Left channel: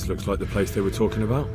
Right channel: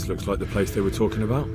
This looks like the place they were talking about.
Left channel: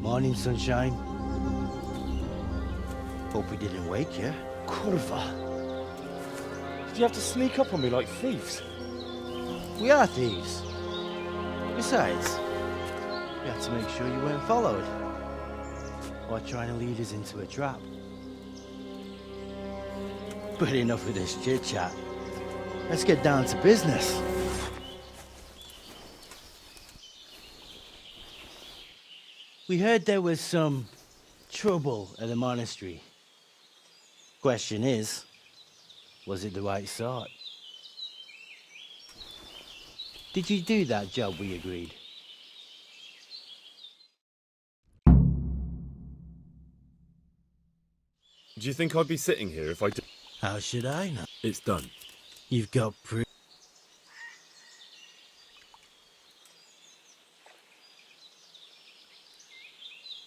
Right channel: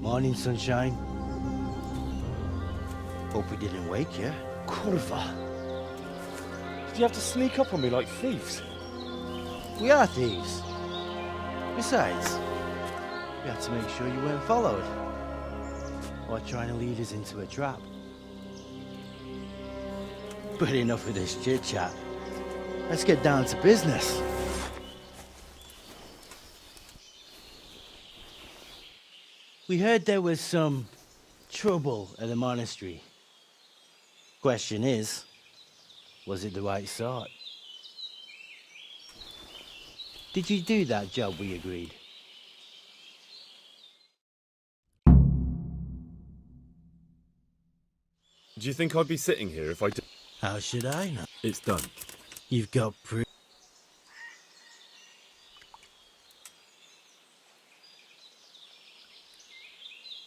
Morning, sunshine. Hope we didn't wake you. Kurva! Did you have to sneak up on me like thieves? We are thieves. Besides, we had to make sure you weren't followed. Or trying to lead us into a trap. But enough of this chit-chat. Let's get down to business. We heard there was some trouble at the monastery. Question is, was it the right sort? Did you do that job we agreed? Do you think I'd be sitting here if I did? How should I know? It's done. You've got proof.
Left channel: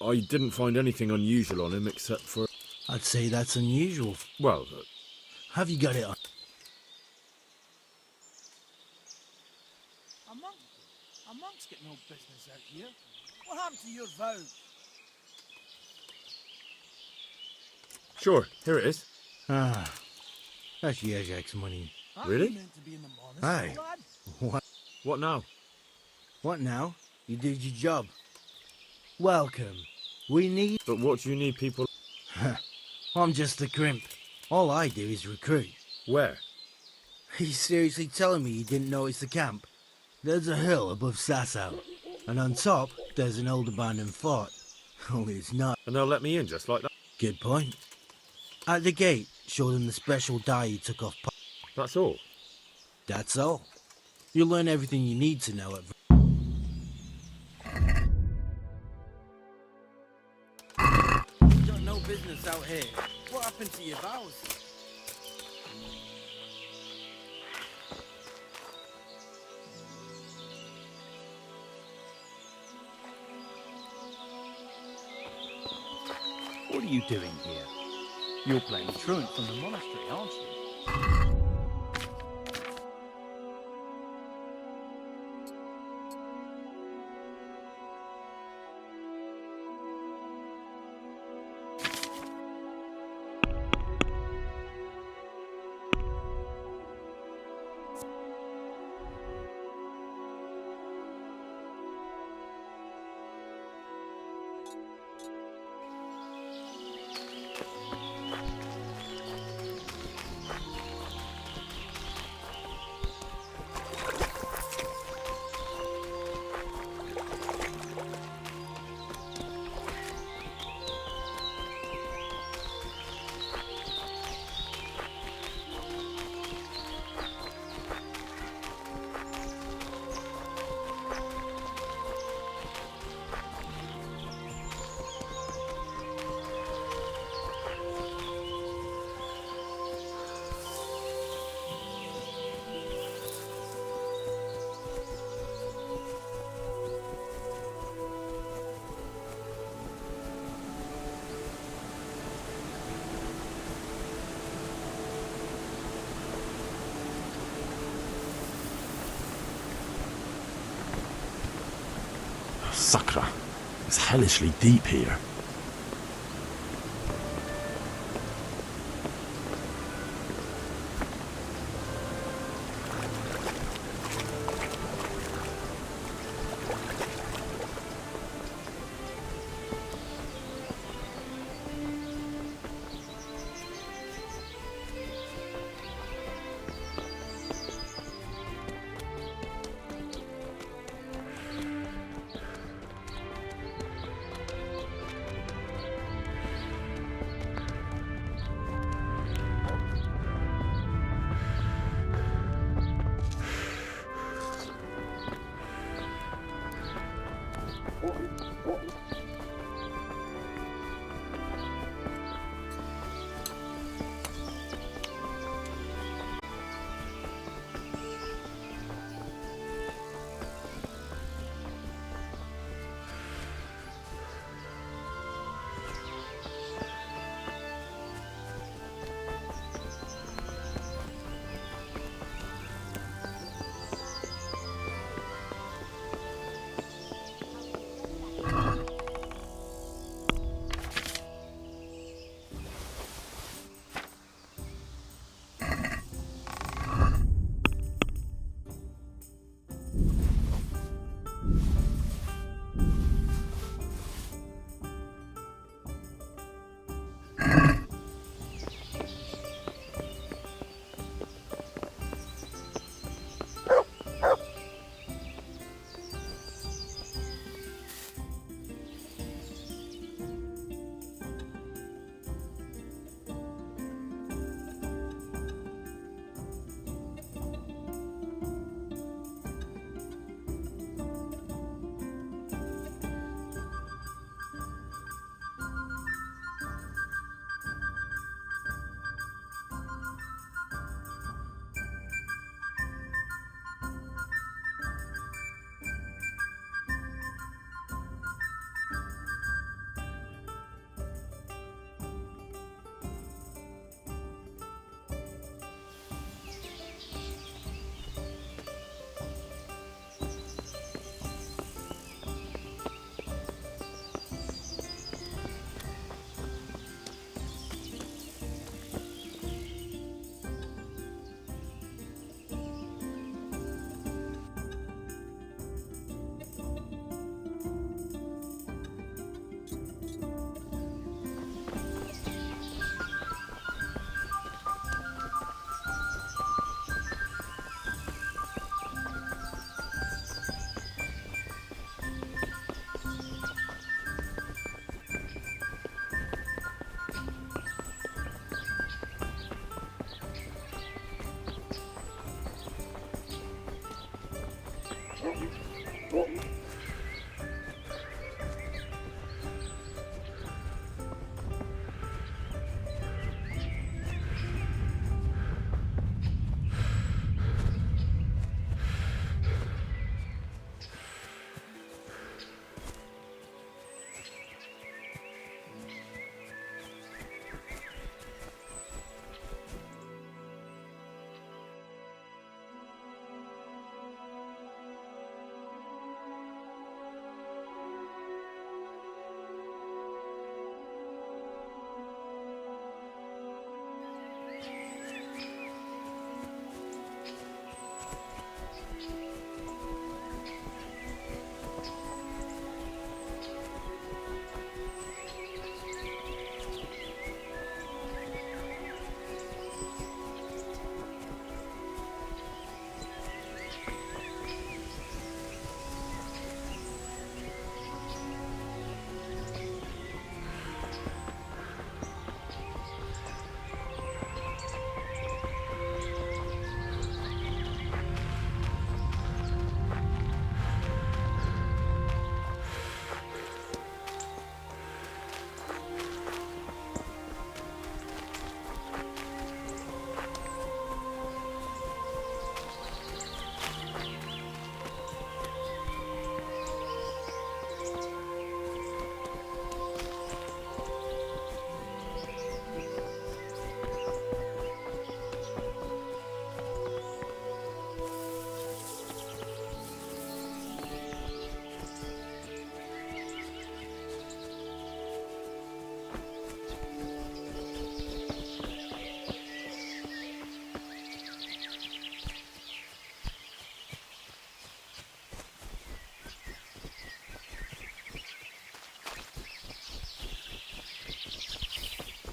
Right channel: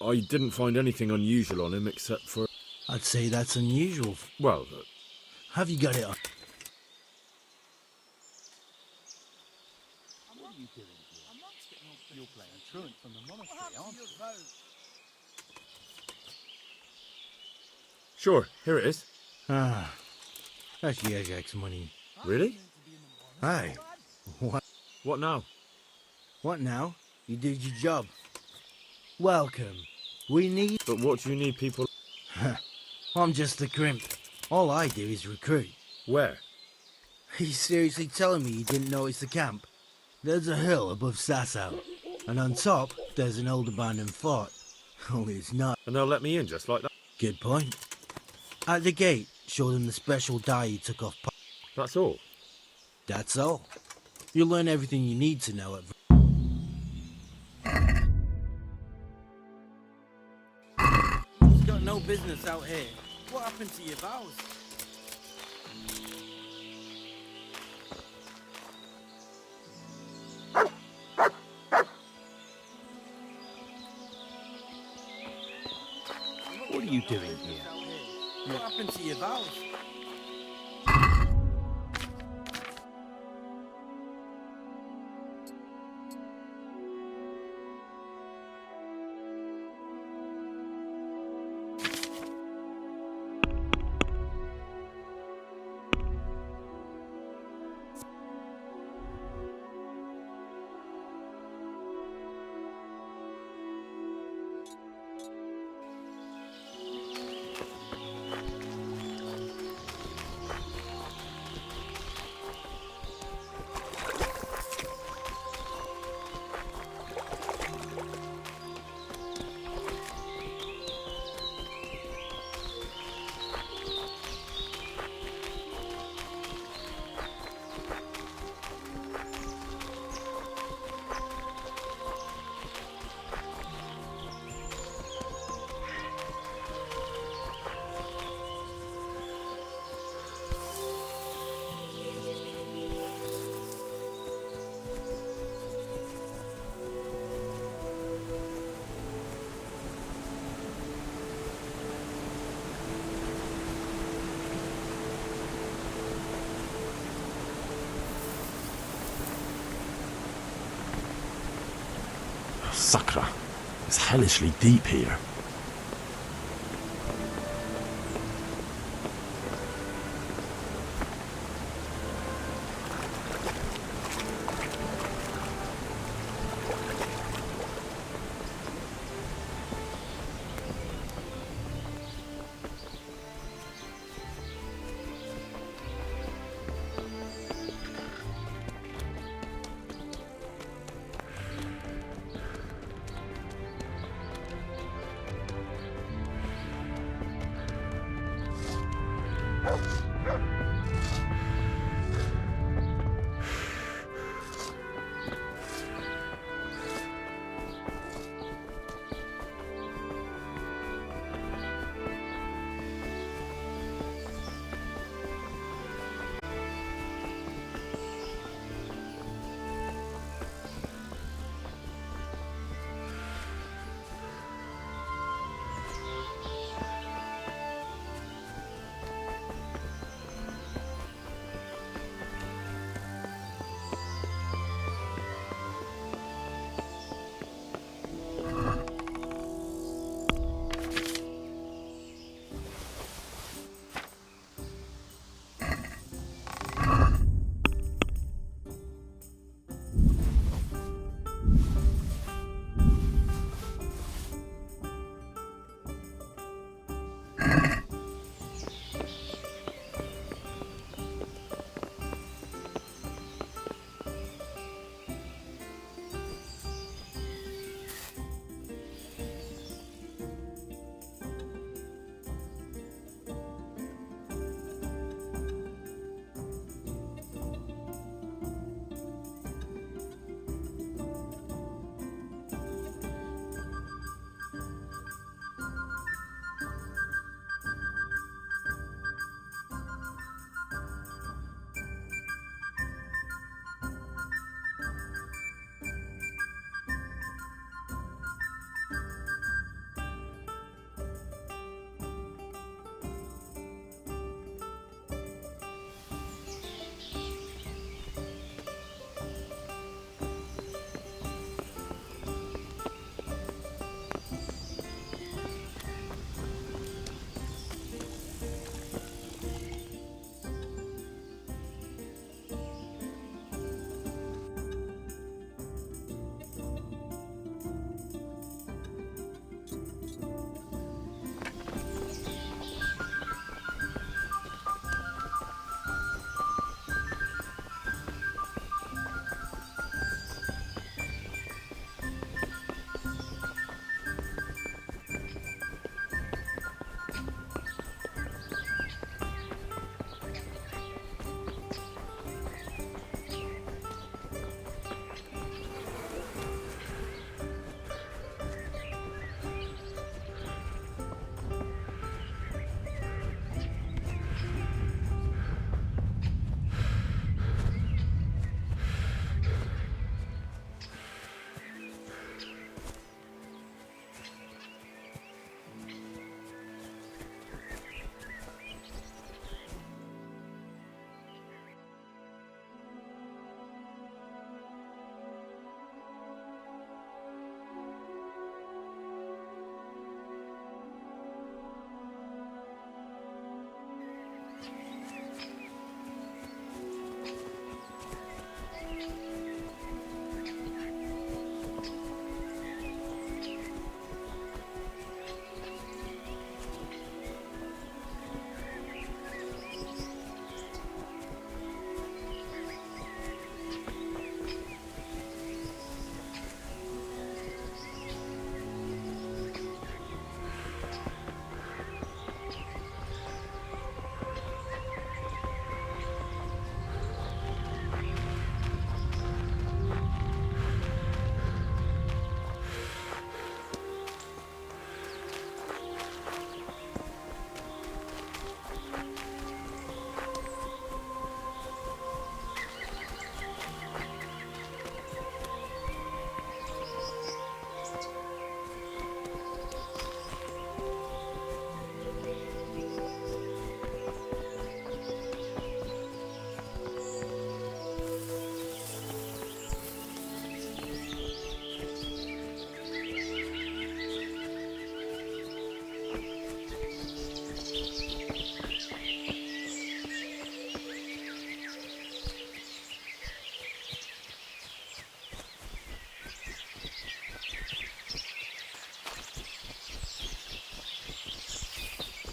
I didn't find anything unusual on him except for... I'd say that's unusual. Well, Have you got it on? What happened to your vow? sure, here it is. Ah, that's Yazek's money. Really? Aye. What? What now? What now? You did your job. Welcome. We need... But what do you need people... I'm just a crimp. All I do is recruit. Where? He's seriously telling me you didn't notice the camp? There's a hill above Sasau, and on top, there's an old abandoned fort. Only it's not. And they'll let me in just like that? Good point. At the gate, show them the special dye you took off. That's all? That's all. You'll learn everything you need to know at... You got no business out here. What happened to your vows? What are you doing here? You're playing truant from the monastery, aren't you? Sakra. It's hellishly deep here.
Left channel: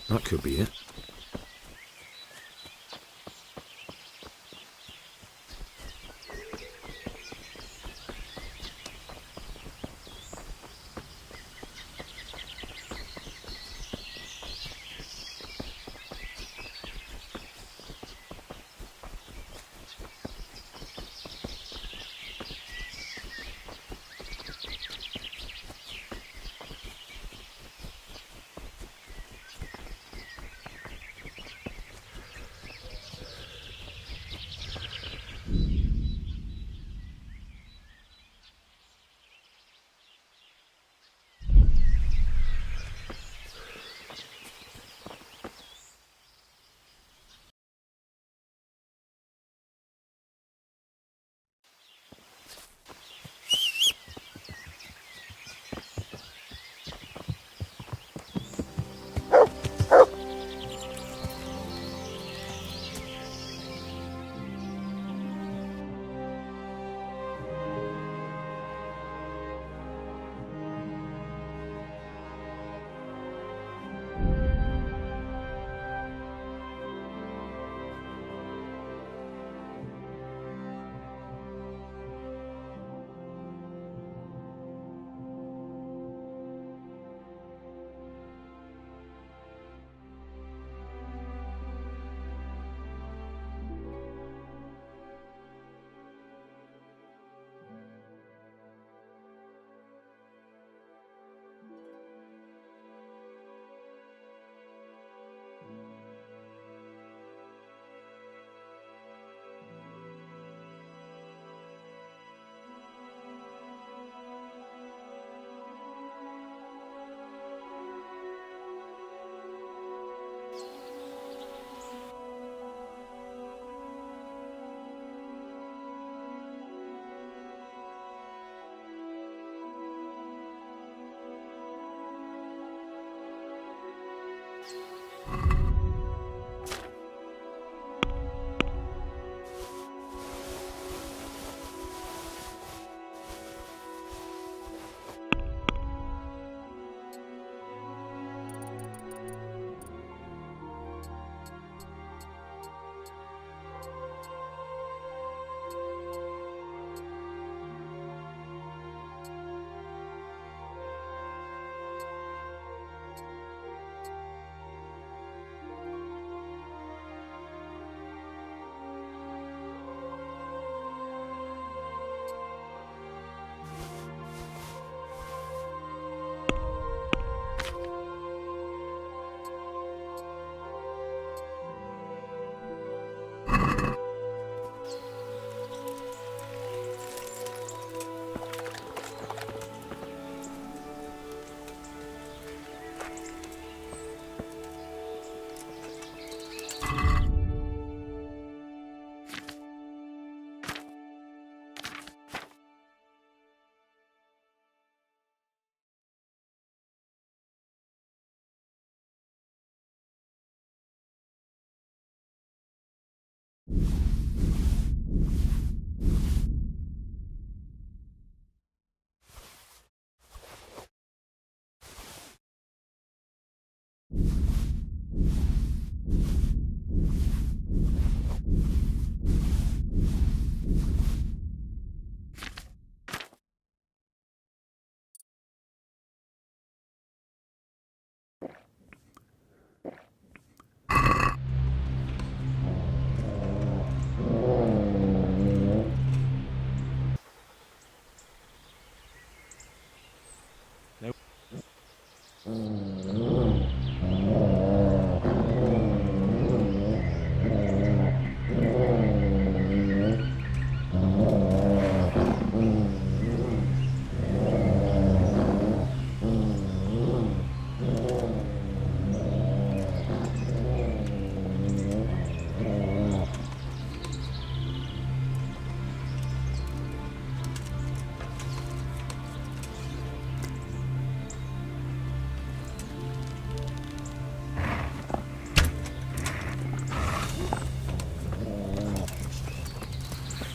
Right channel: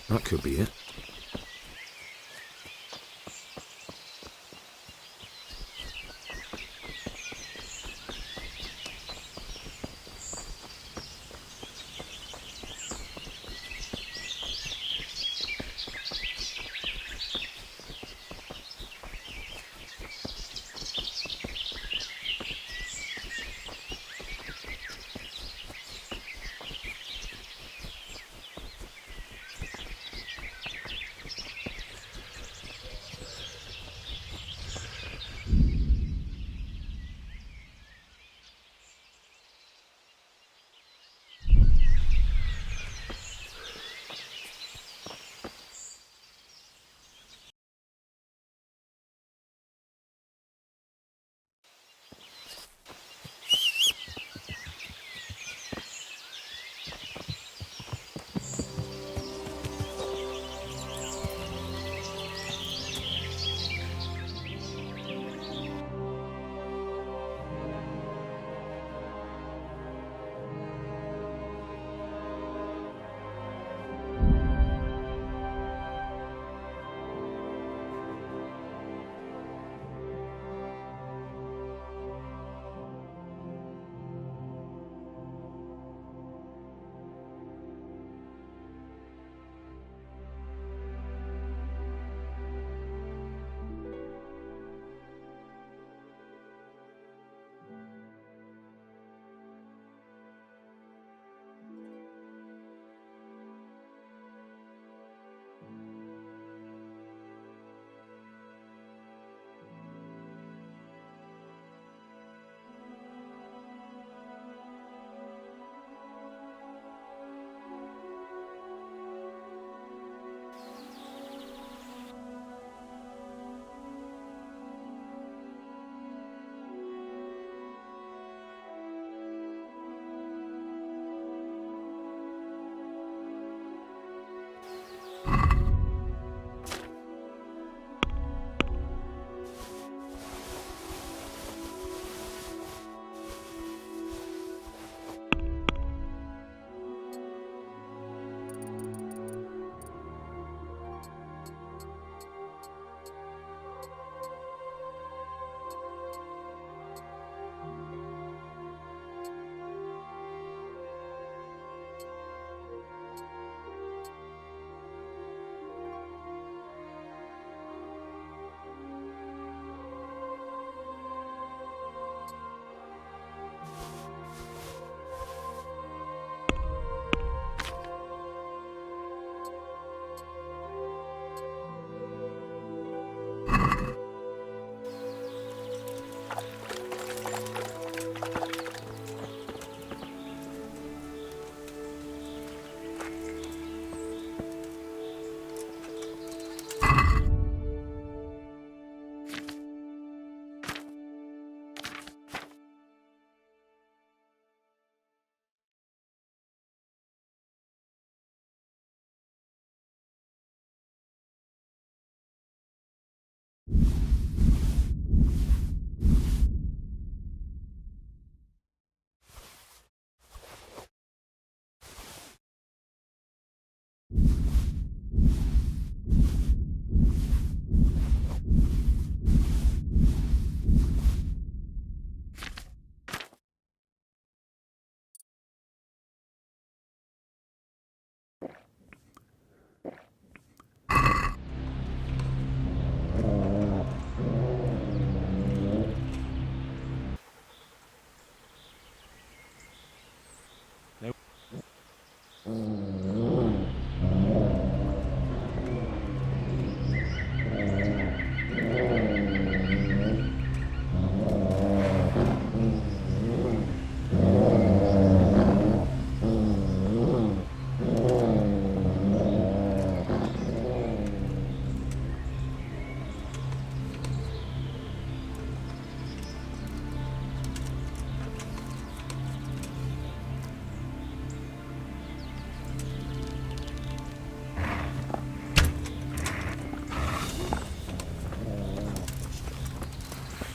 That could be it.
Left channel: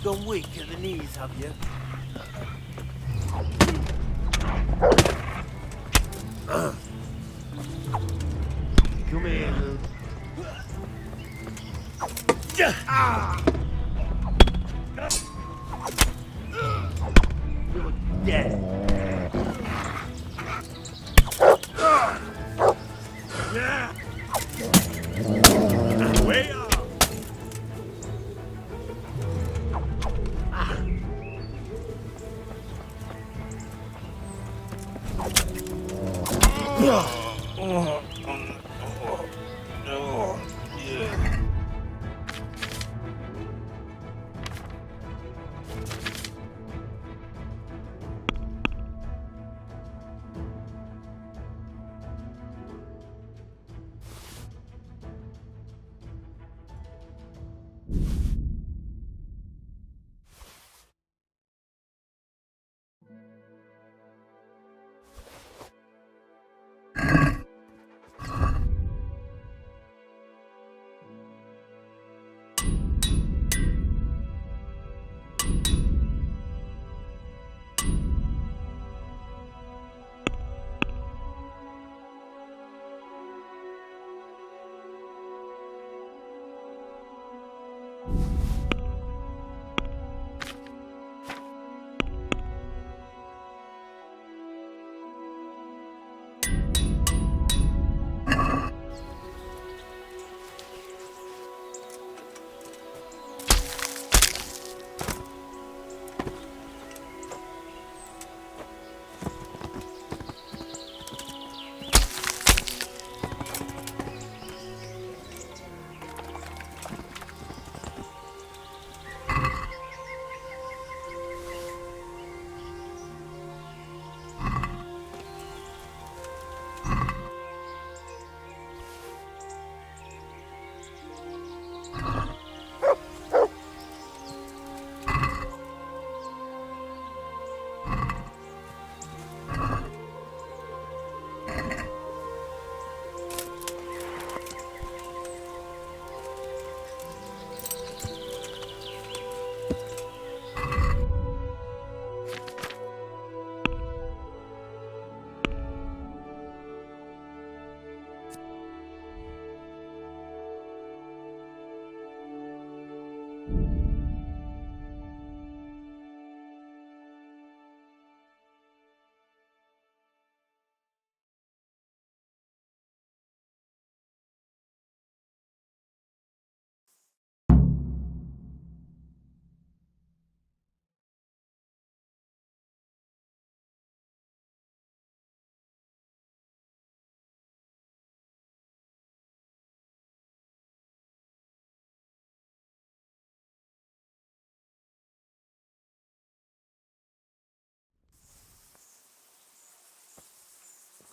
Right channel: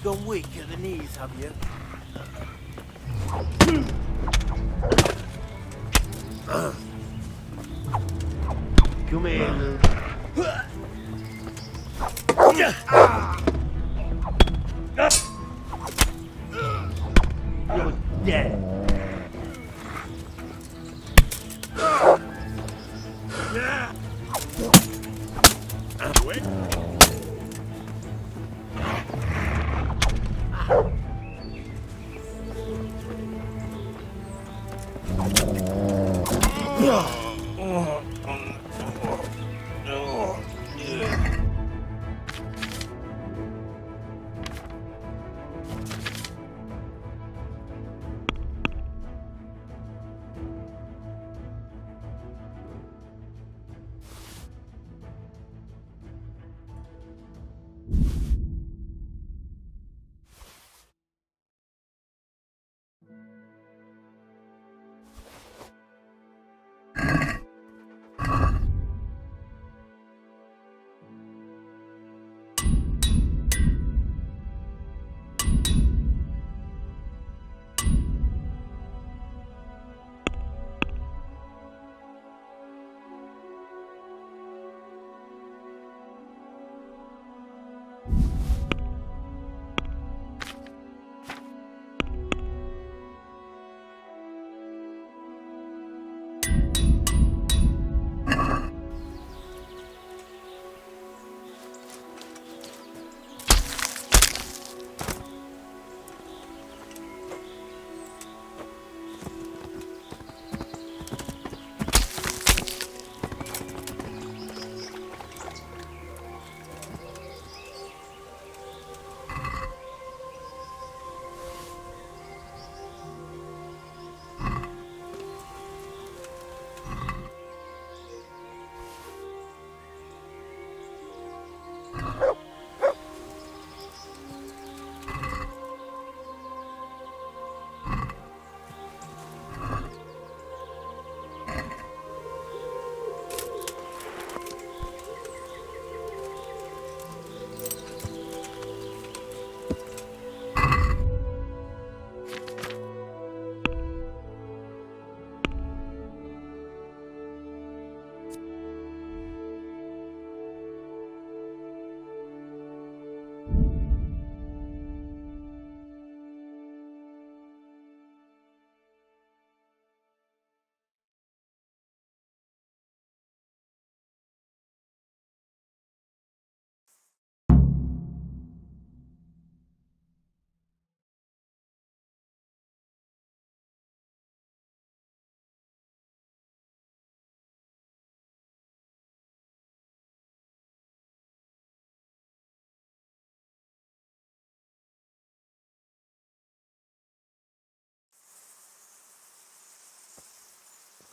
Gone weak at the knees, have you? Come here, Luke. You're dead.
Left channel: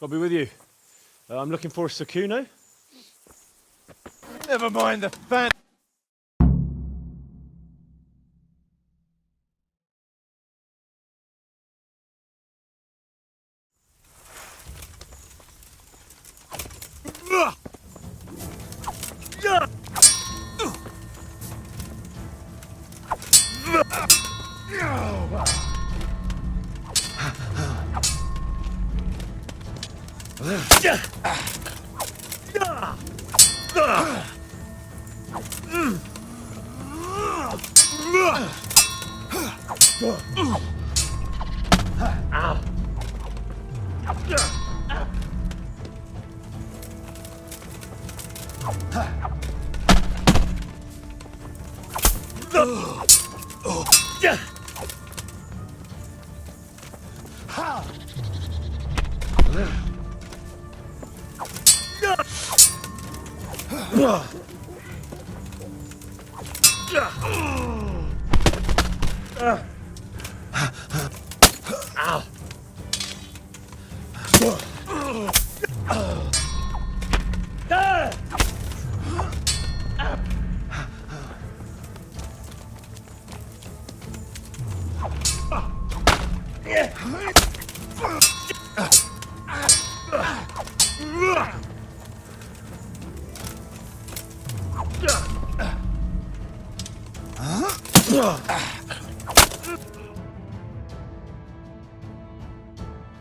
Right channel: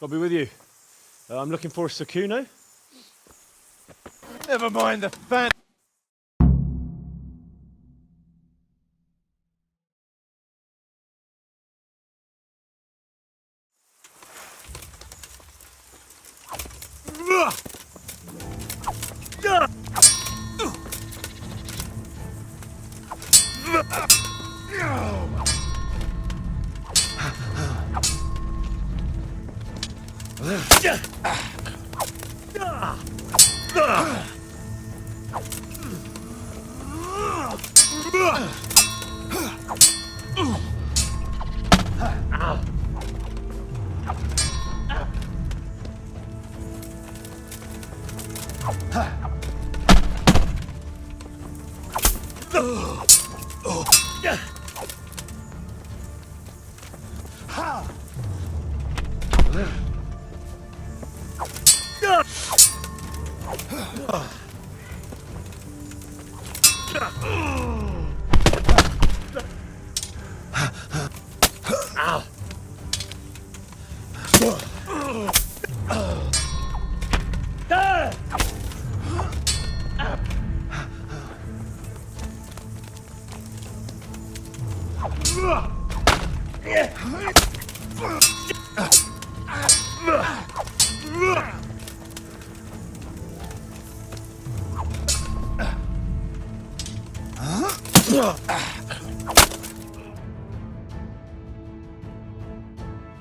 I'll be with you. I'm looking for Sakuno. Never mind the fan.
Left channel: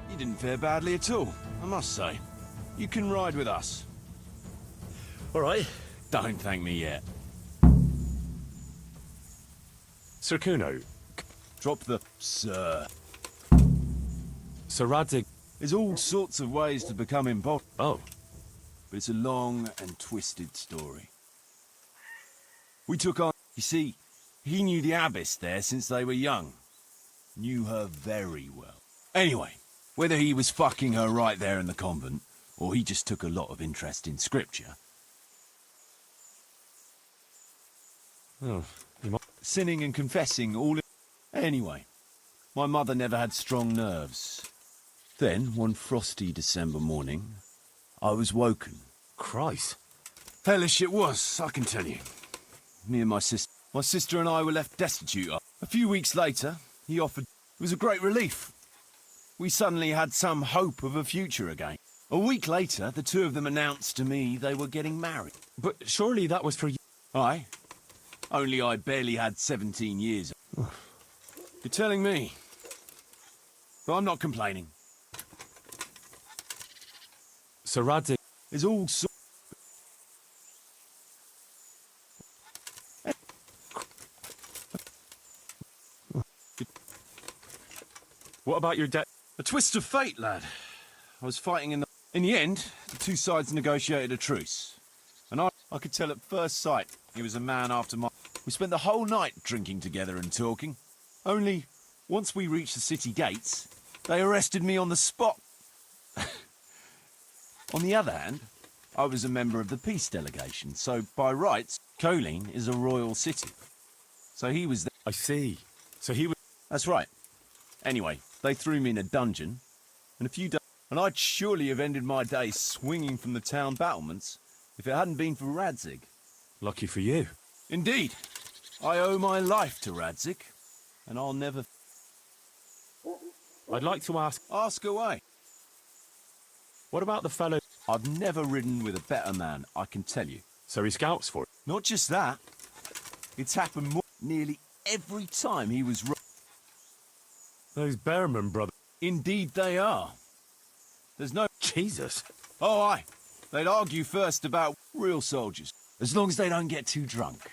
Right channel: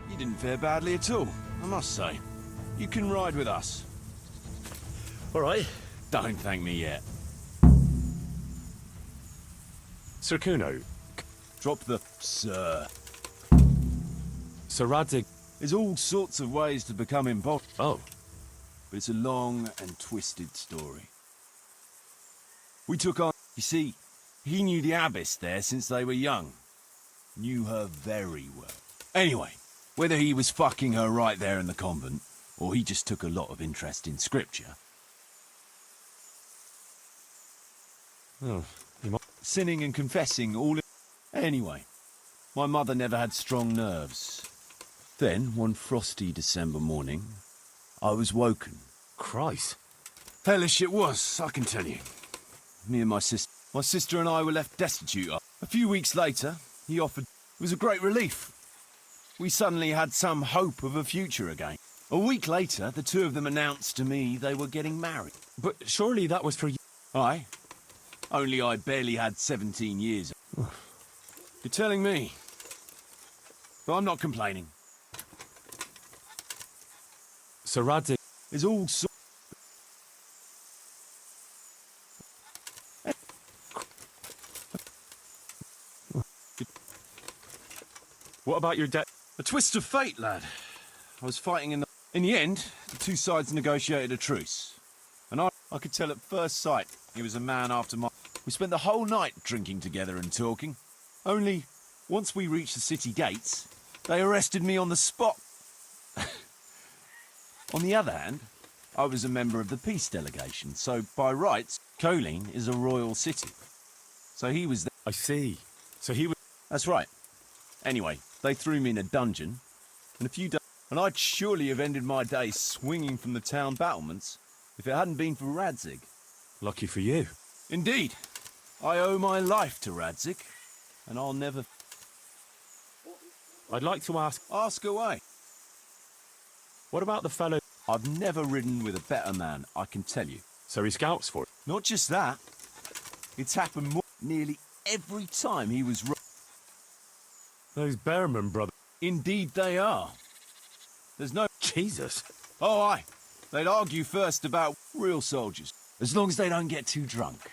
You didn't fare badly at all, I must say. You can ride with us. All right. Don't thank me yet. Sir Kuno, Drop the sir. Sir Radzig... There's all sorts of ways to become involved, Oh, but it's a long and twisted story. We took on... You see, he knew the abbess there since they were young. Knew her very well. Anyway, whether he was fucking her right there in the convent, or he just took a lot of interest in scripture, oh, you might... sinning and confessing all in... Anyway, my mother never had strong nerves. Then, one frosty December morning, I was woken. Christ. Hellish it was, I can tell you. Me and my sister and I were left destitute. A few weeks later, he offered... It was a great relief. We suddenly had some hope of a future again. A week later, the two of them announced to me they were getting married. But surely that was for you. Aye. Only I barely had 17 years. You're telling me. But I'm not complaining. Sir Radzig... There's all sorts... What about your debt? A twist of fate, lad. I was fighting in the... In the end, the two sides negotiated a truce. And I could tell at first sight he was a man after my... We spent the whole night drinking together and talking. Only, once we reached the city gates, they arrested me on the spot. On the other hand, I was a member of the peace delegation, so by rights, Colleen is a royal city. So he was there. I see. So he was... That's right. Anyway, they threw me in a dungeon, and a few days... And I'd surely have ended my days swinging from the town battlements if it hadn't been for Radzig. Lucky for you. Indeed. I owe my life to Radzig, and I'll never... I'd like to ask... Ask away. What about the fellow... I've never ridden with a better man, I can tell you. So he scouts for it? Not just that. It's happened nearly every time he was... Those Bearman brothers... Indeed they are. There's no... Jesus. Oh, aye. They'd argue first about real soldiers, as long as they don't get too drunk.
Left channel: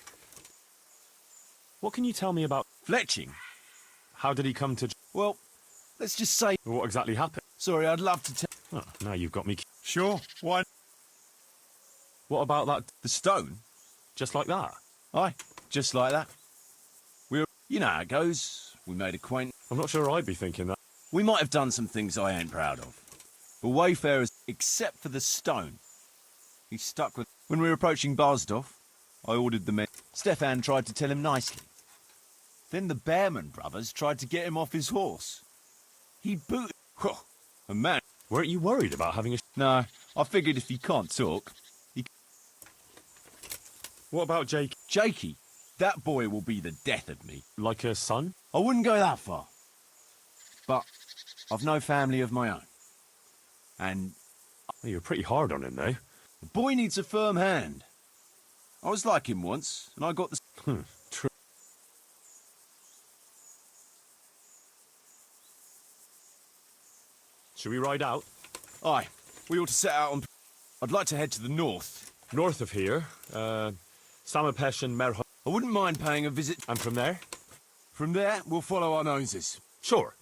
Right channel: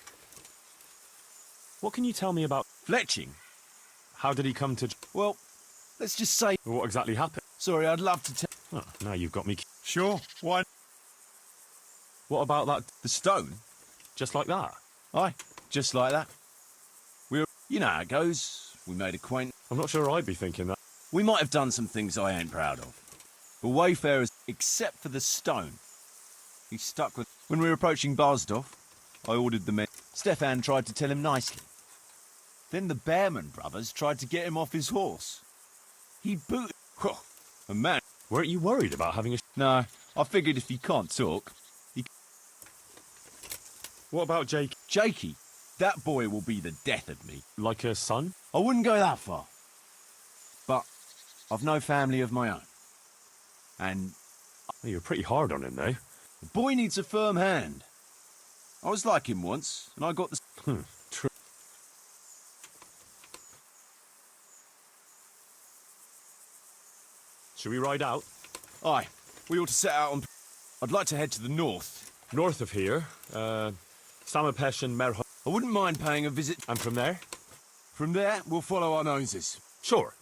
What can you tell me about... Fletching? How did he come to... Well, let's just say... What exactly happened? Sorry, I'd love to tell... Oh, now you've got me... Sure, why... What about that... The stone? Just like that? Aye, just like that. You know how it goes. We made acquaintance. I'm not sure I'd be thinking that. We might have done some things I ain't proud of. But wayfarers, except for the stone, he stuck with... When we were approaching Barsdorf, I ordered the men... Stefan tried to tell him nicely. Then the Bearman brothers tried to get him off his horse. He booted... A man... Weren't you worried about having a... No, I figured if he can't talk... What about Jake? Jakey, that boy will be the death of me. Like a son? I wouldn't go that far. But I've no family of my own. And Oh, you're pretty hard on him, though. the boy needs a firm hand. I was like him once, and I got the... True. Should we ride out? Aye, we ought to set out on... I'd like to head to the north. North of here, Samapesh and Merho. I wouldn't mind paying a visit. And from there? From there, we'll follow our noses. Sure.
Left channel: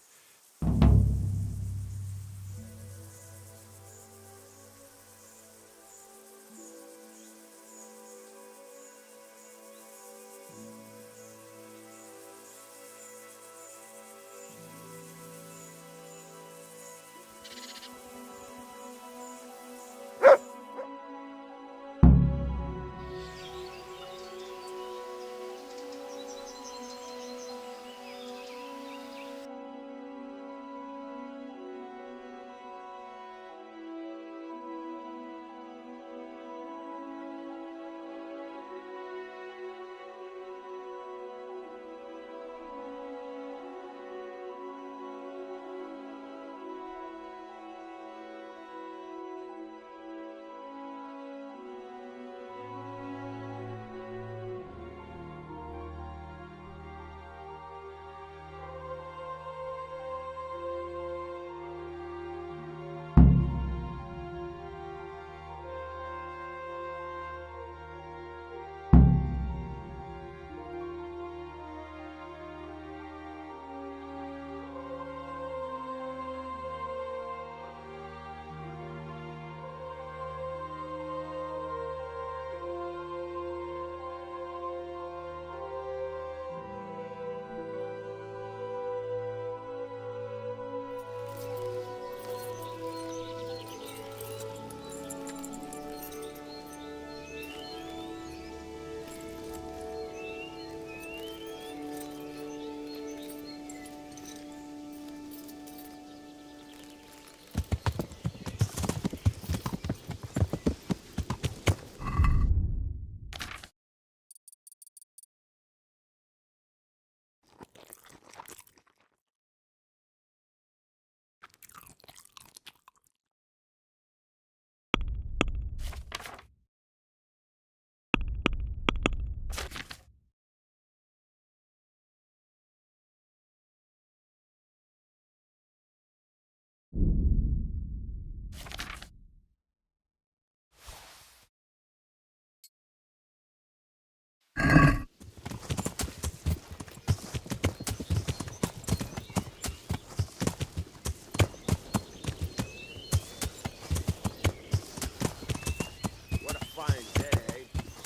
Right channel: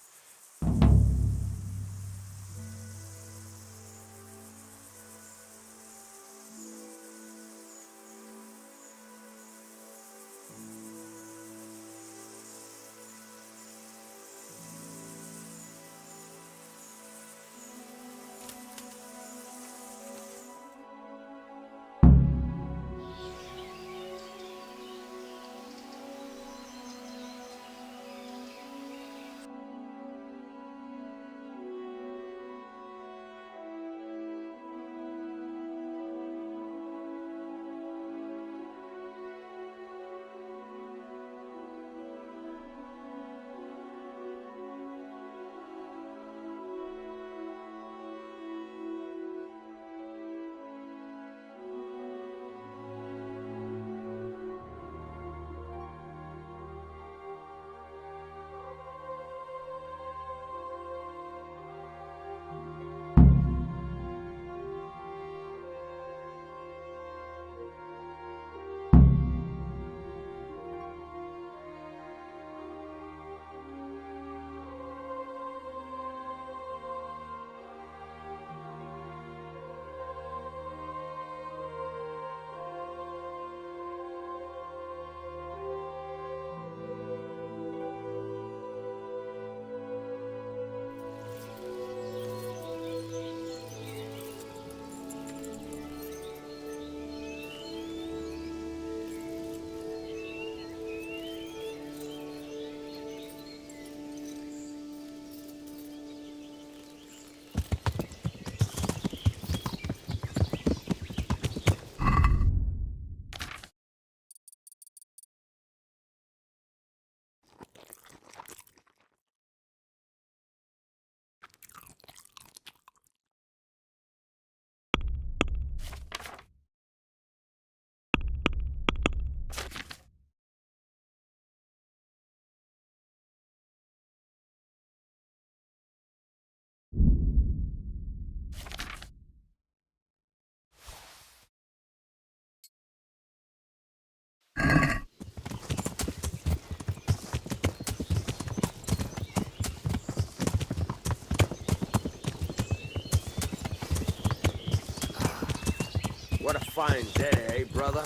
fine day, eh, brother?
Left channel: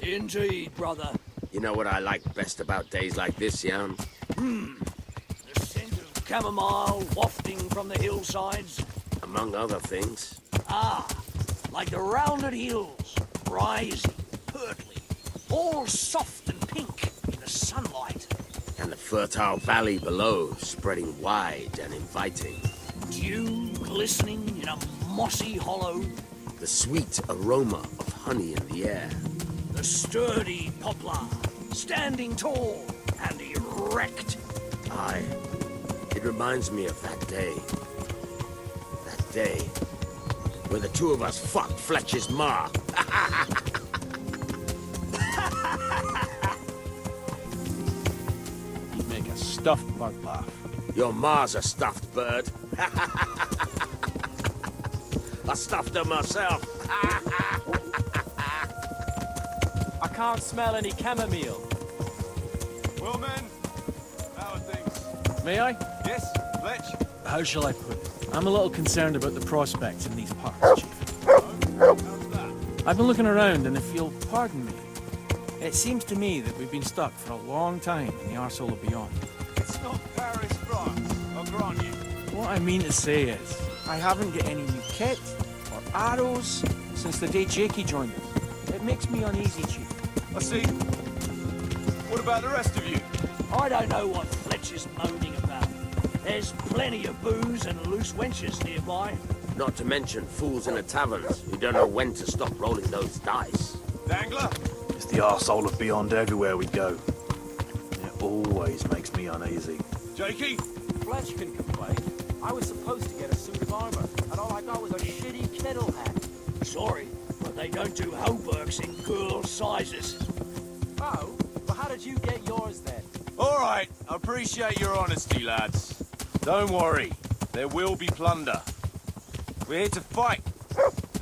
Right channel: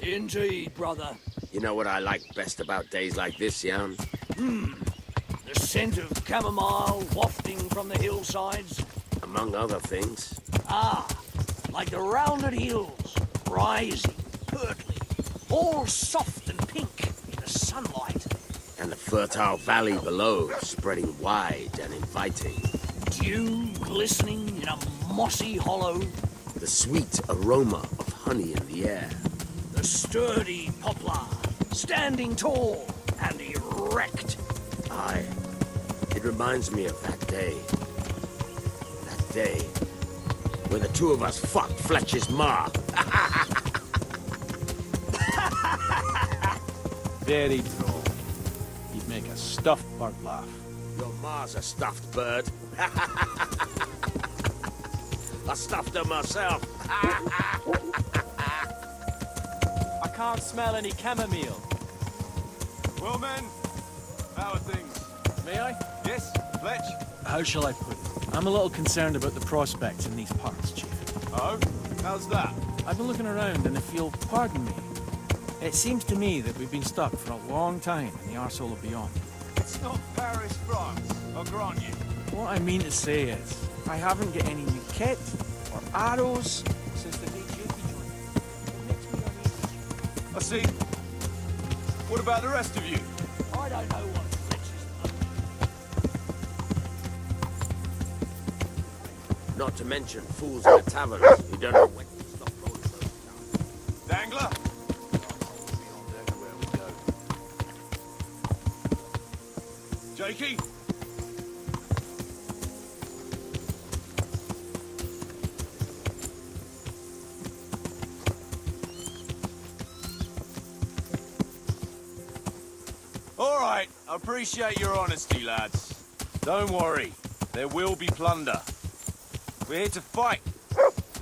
Indeed, brother. You know what I like best about days like this, Jan? The scent of chamomile wafting from the hillsides. Among other things. Ah, like the rounded hills, rising, hurtling, all soft and pink in the sunlight. And the fertile valley below, spreading wide and inviting. Dew glistening in a mossy hollow. The sweet aroma of honey in the air. The sturdy poplar, standing tall and erect. Aye. It reminds me of that day. That day where the two of us fucked Fletcher's ma. Very true. You'd make a stuffed bird laugh. Your ma's a stuffed bird. I stuffed her myself. I can't smell any chamomile. Well, men, how are things? May I? Yes, Fletch? How shall I put it? I'm a little concerned about the prospects in these parts, Chief. Oh, how's that? I've been looking around, and if you'll pardon me, it seems to me that we've been stuck for a long time in the arsehole of beyond. It's not Paris, France, I'll grant you. What I mean to say is, I haven't got any new kit or arrows since the day Jakey joined us. It makes me uneasy, Chief. I see. What about the rest of you? I don't know what Fletcher's moaning about. There's plenty of booze and loose wenches nearby. Not to mention fools in the taverns who don't know when to stop rolling those dice. Dangler? It's the arsehole of beyond everywhere we go. It always makes me uneasy. Jakey? Fletch can complain. I was supposed to get a suit of armor, and all I got was a shitty kettle hat. Sorry, but they don't do homeworks in girl sizes. Oh, well how did you get yours then? All right, I appreciate your honesty, lads. Don't worry, there will be plunder. We're here to fight.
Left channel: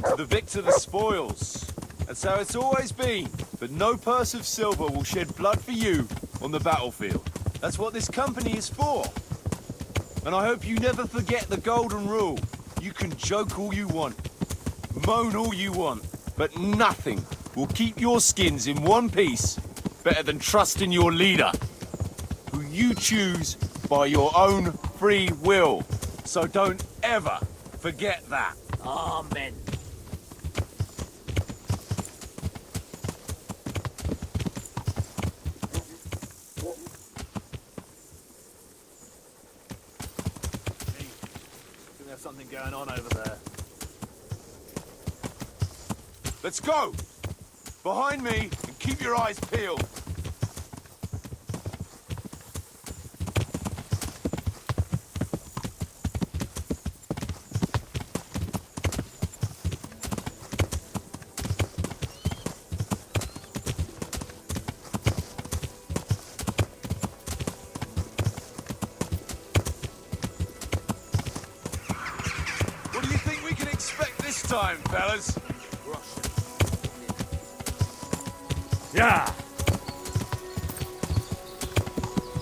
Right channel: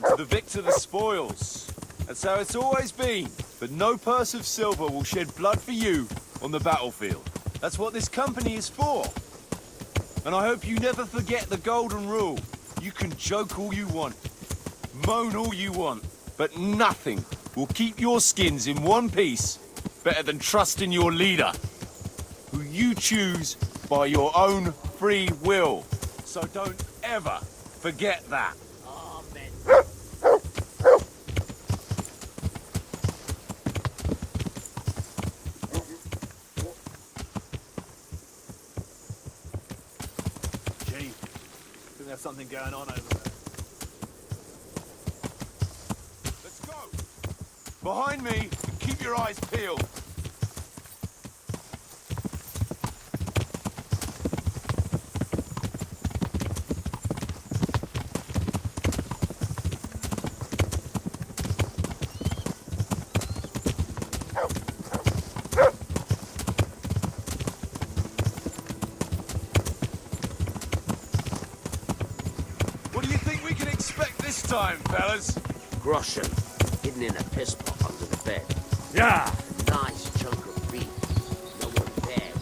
To the victor the spoils. That's how it's always been. But no purse of silver will shed blood for you on the battlefield. That's what this company is for. And I hope you never forget the golden rule. You can joke all you want, moan all you want, but nothing will keep your skins in one piece better than trusting your leader, who you choose by your own free will. So don't ever forget that. Amen. Gee, think there's something going on over there. Let's go! Behind me, and keep your eyes peeled. What do you think we can expect this time, fellas? Groschen, hidden in a piss pot under the bed. Yeah! Nice chunk of beef. There.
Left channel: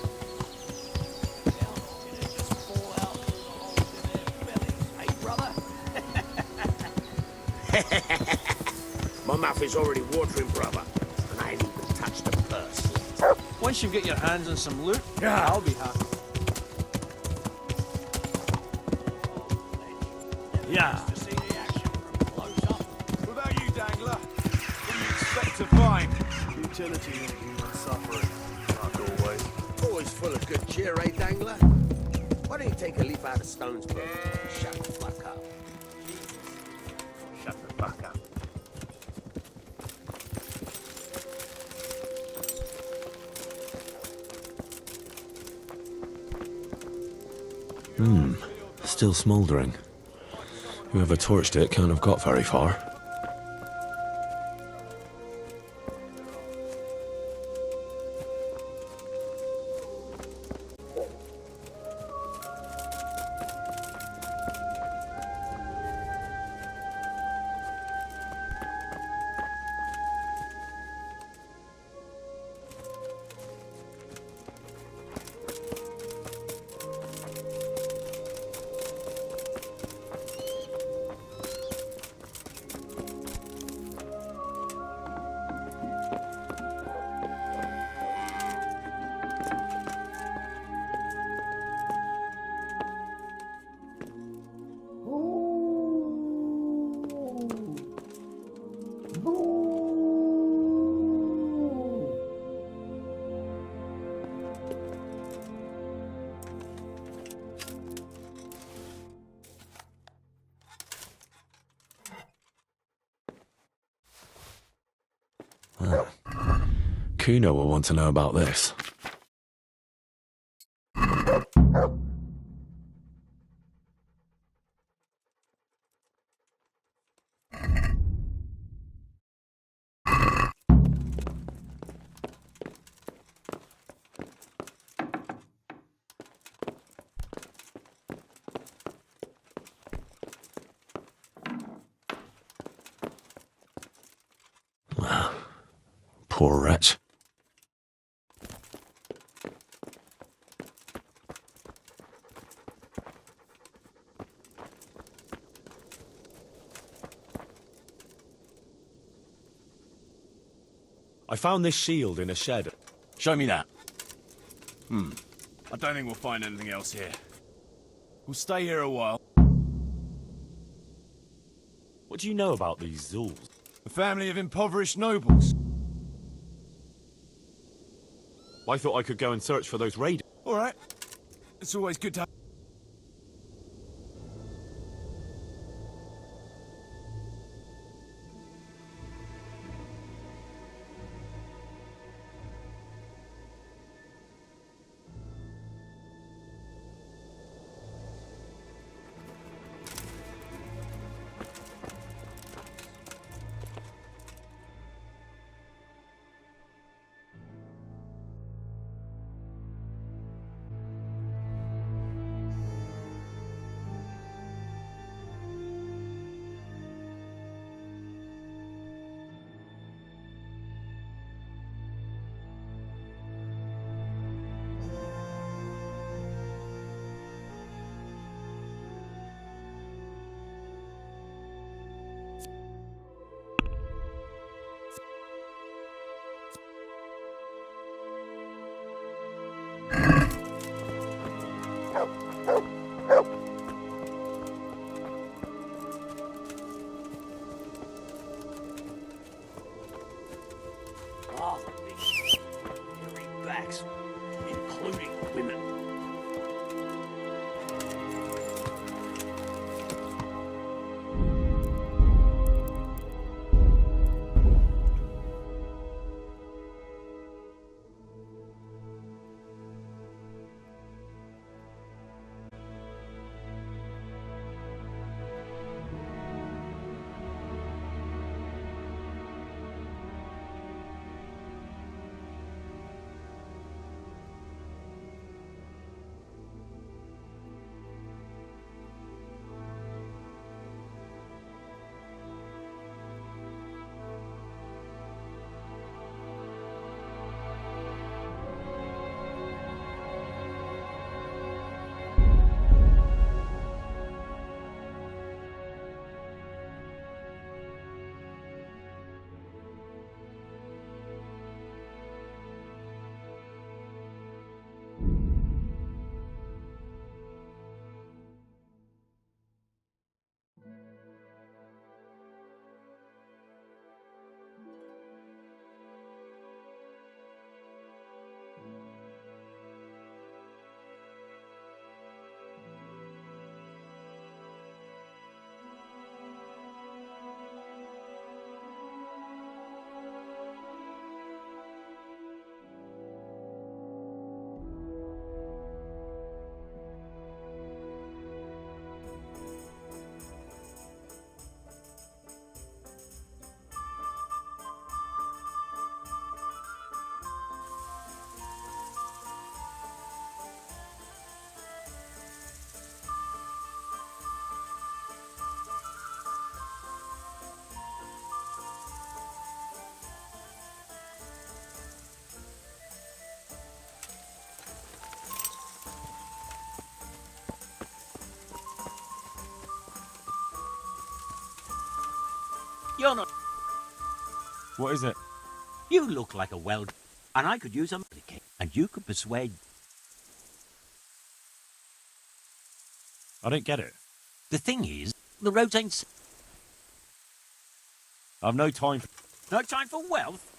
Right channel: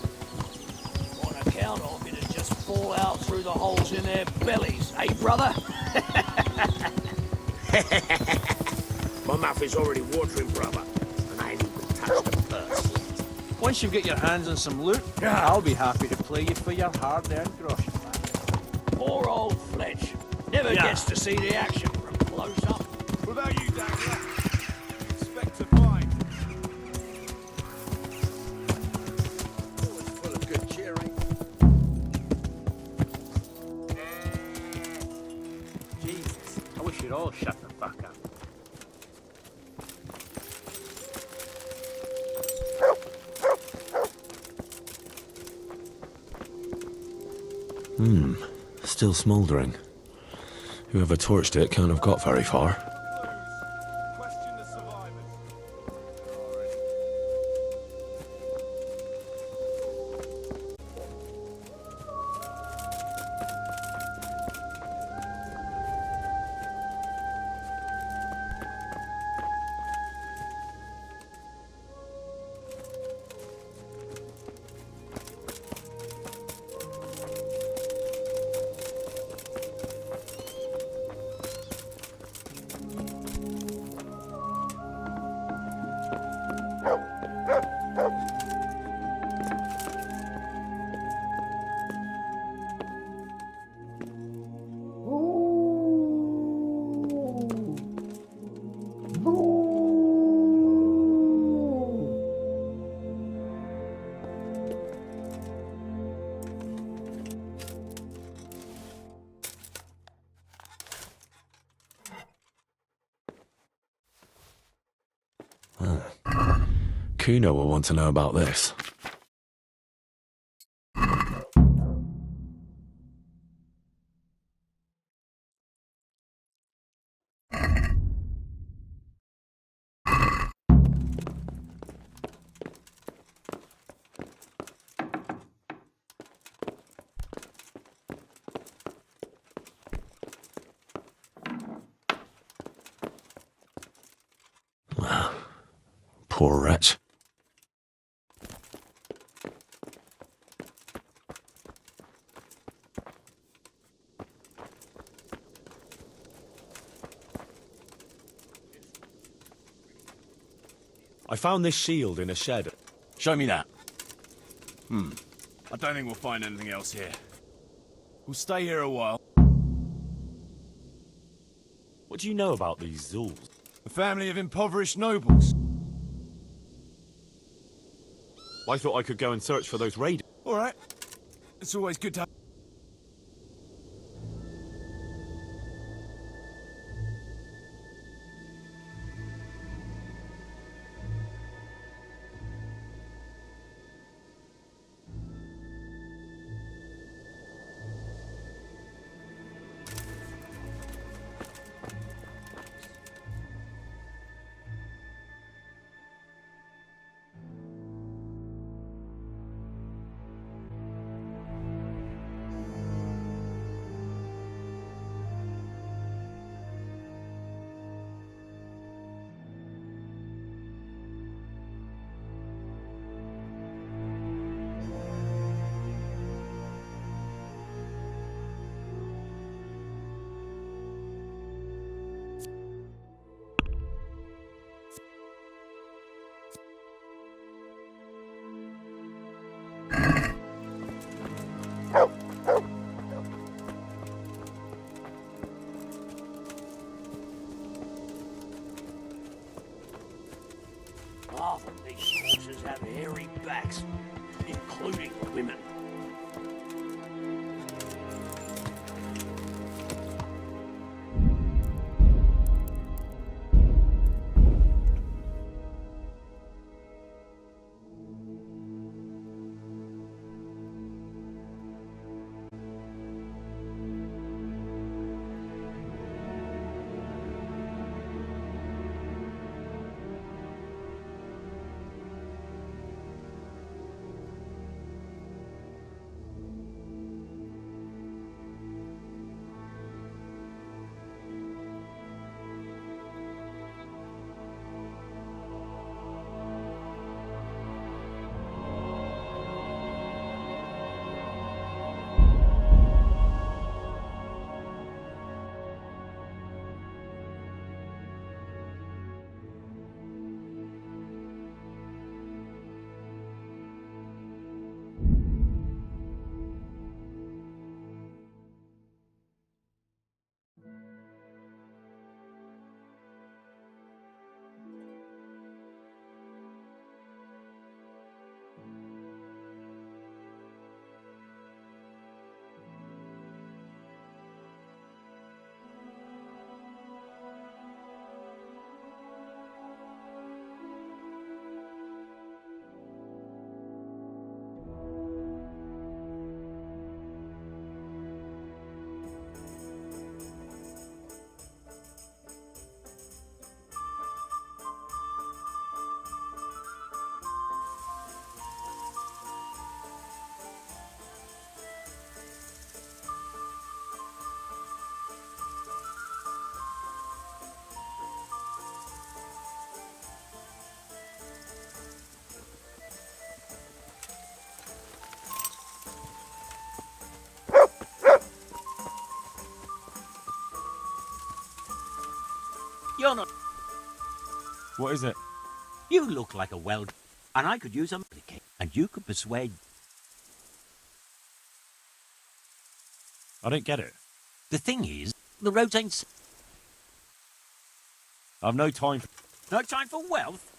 On account of it'd just fall out through the holes in their bellies, eh, brother? My mouth is already watering, brother, and I ain't even touched the purse yet. Once you get your hands on some loot, Yeah. I'll be happy to play you for your hard-earned groschen. Poor old Fletch. Never Yeah. gets to see the action from close up. What about you, Dangler? What do you expect to find? Utility, suffering, not always. Always full of good cheer, eh, Dangler? Why don't you take a leap out of Stone's Throw and shut the fuck up? Jesus, I wish you'd all shut the fuck up. Still smouldering. Whoever torched it can't have got very far. Kuno will want to know about this. Poor wretch. I found this shield in a shed. Show me that. I don't think we'll find anything else here. We'll stay here a while. What do you know about these Zuls? A family of impoverished nobles. I thought I could go and search for those raiders. All right. It's always good to have... Half of these horses have hairy backs, including women. You're not... What is it? You look like a weld, and I could use a medicate, and you could persuade... I don't get it. The thing is, the roads ain't... I've no time for... No time for wealth?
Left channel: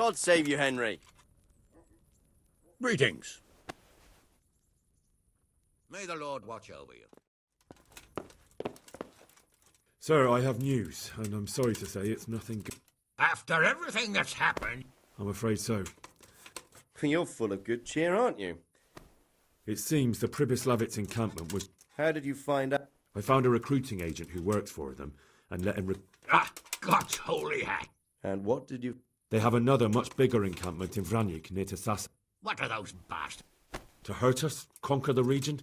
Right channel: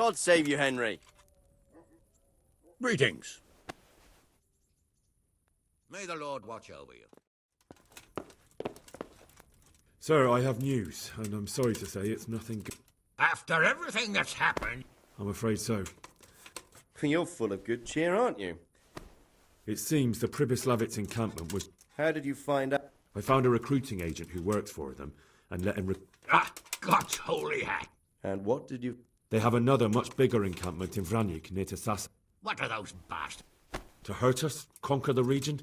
God save you, Henry. Greetings. May the Lord watch over you. Sir, I have news, and I'm sorry to say it's nothing good. After everything that's happened... I'm afraid so. You're full of good cheer, aren't you? It seems the Pribyslavitz encampment was... How did you find out? I found a recruiting agent who works for them, and let him Ah, God's holy hat! And what did you... They have another much bigger encampment in Vranyik near to Sasa. What are those bastards? To hurt us? Conquer the region?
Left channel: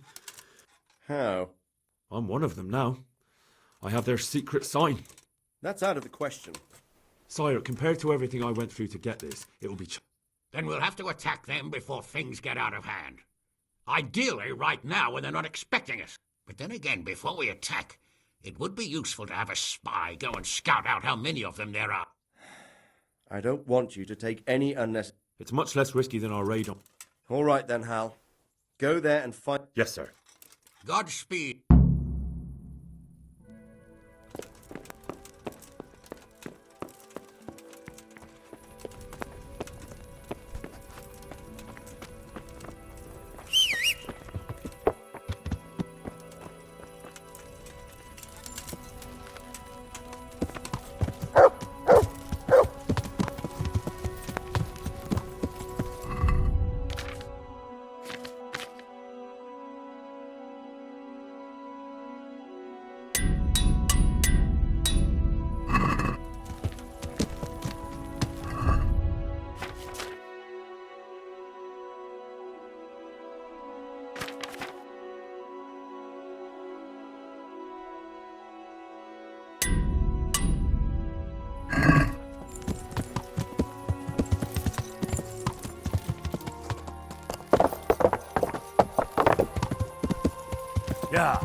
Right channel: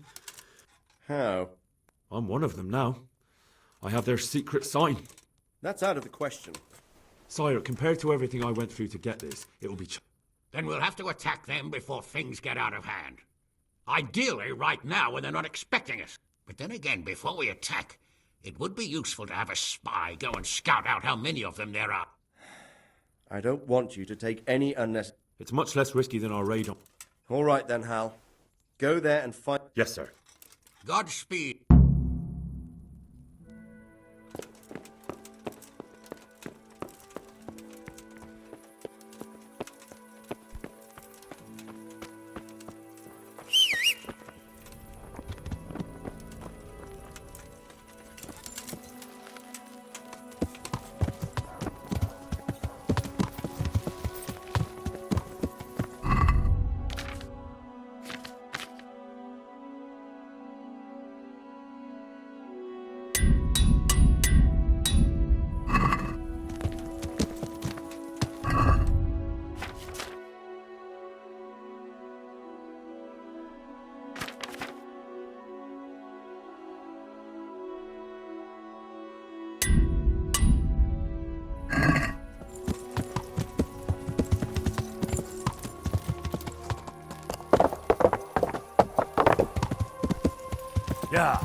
How? I'm one of them now. I have their secret sign. That's out of the question. Sire, compared to everything I went through to get this, it will be... Then we'll have to attack them before things get out of hand. Ideally, right now, when they're not expecting us. But then again, before we attack, it would be useful to have a spy go and scout out how many of them there are. I don't want you to take any unnecessary... It's much less risky than our raid on... All right then, Hal. Go there and find... Yes, sir. Godspeed. Yeah.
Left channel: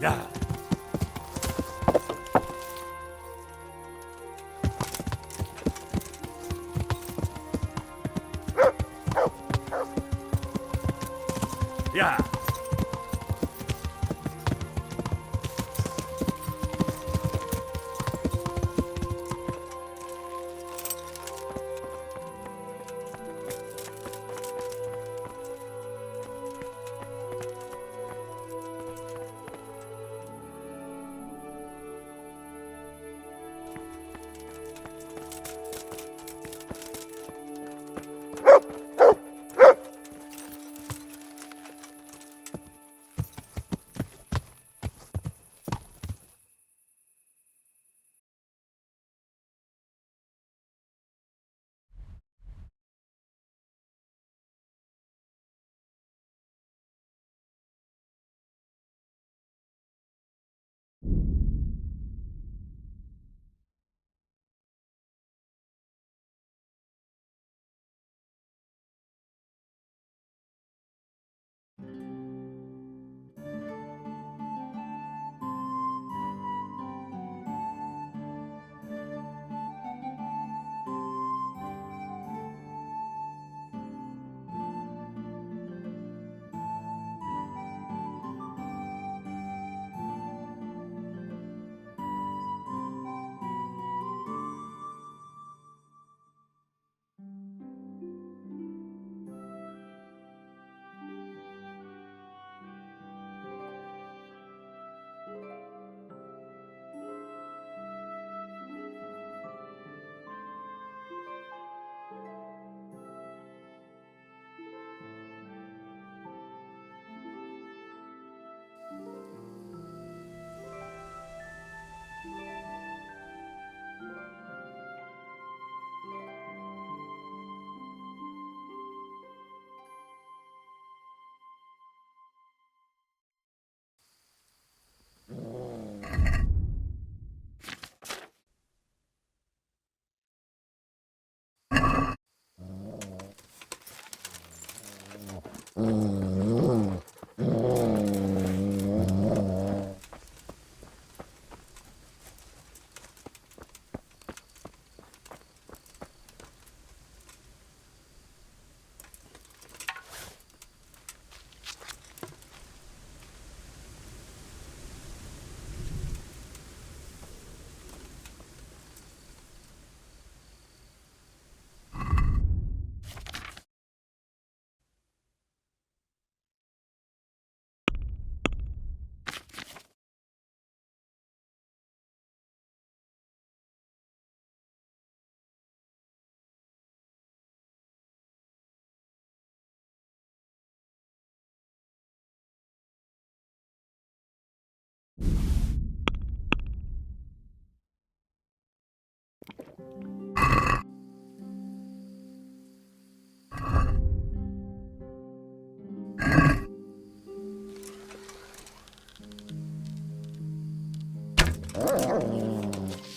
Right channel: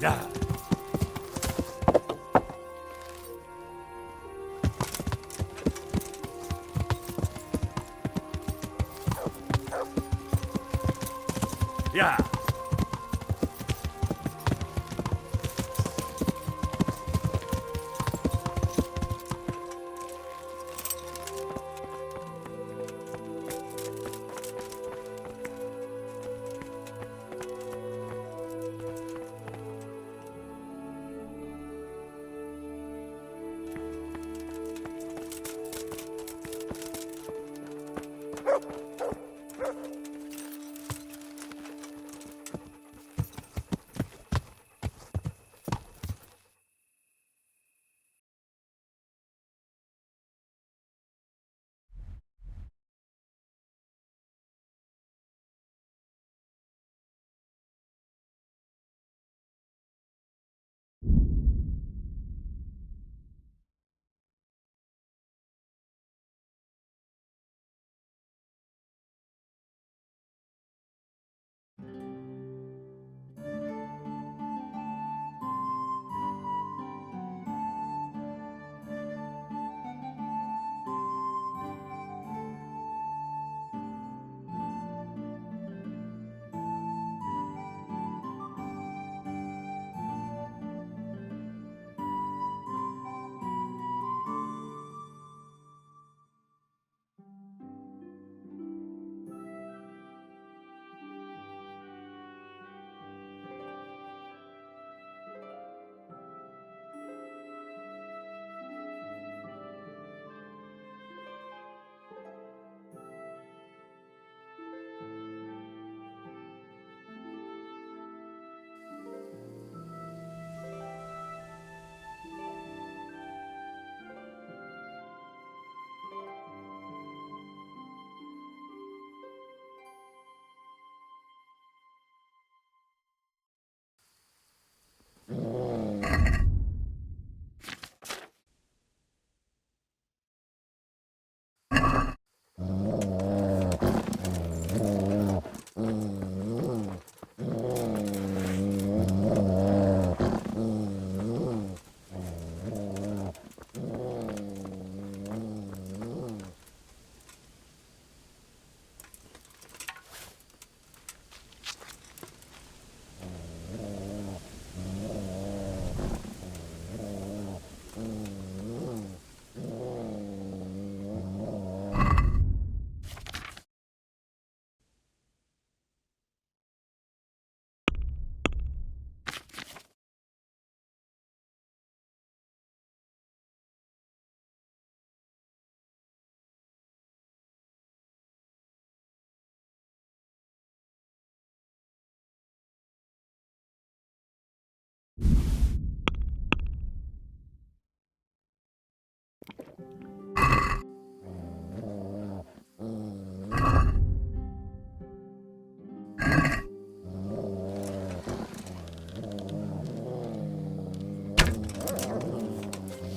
Yeah. Yeah.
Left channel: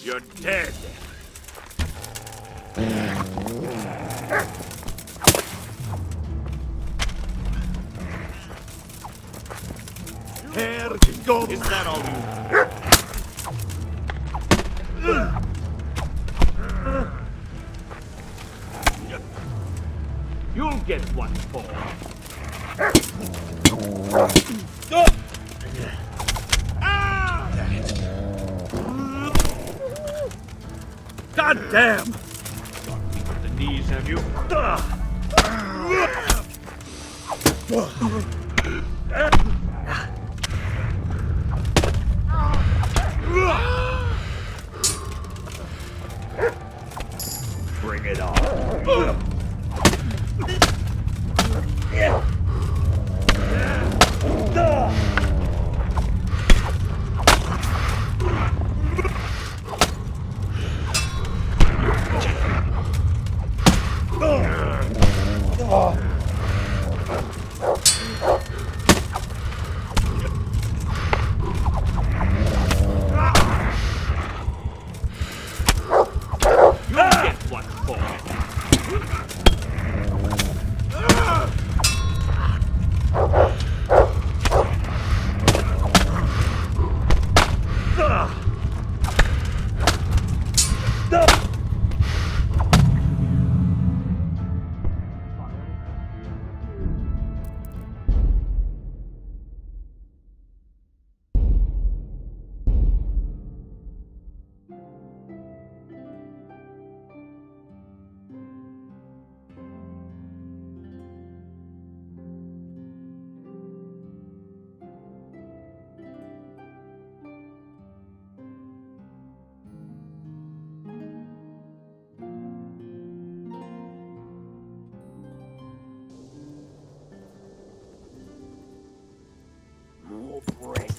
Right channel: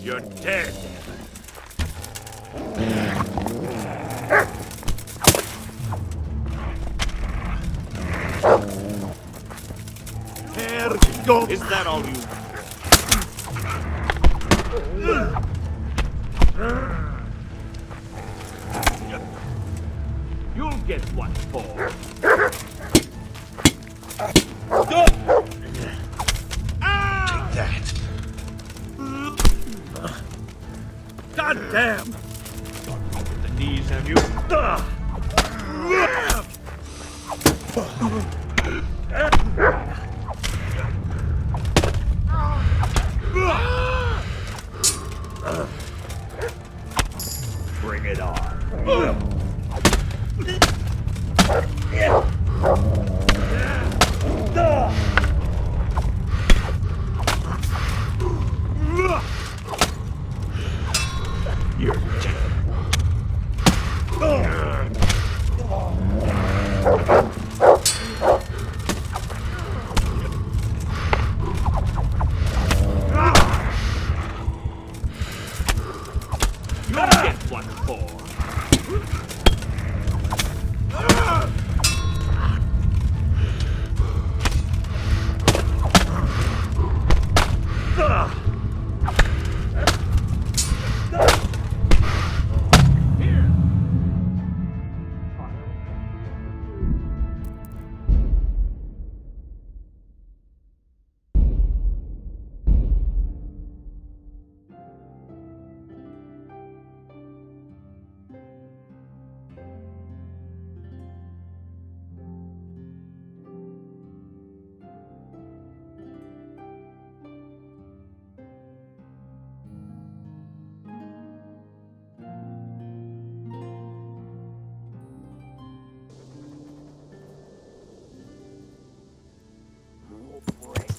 You're dead. Here goes. Is that all you? You'll get what for. God damn! Got the knees, have you? Bring it on. More bread.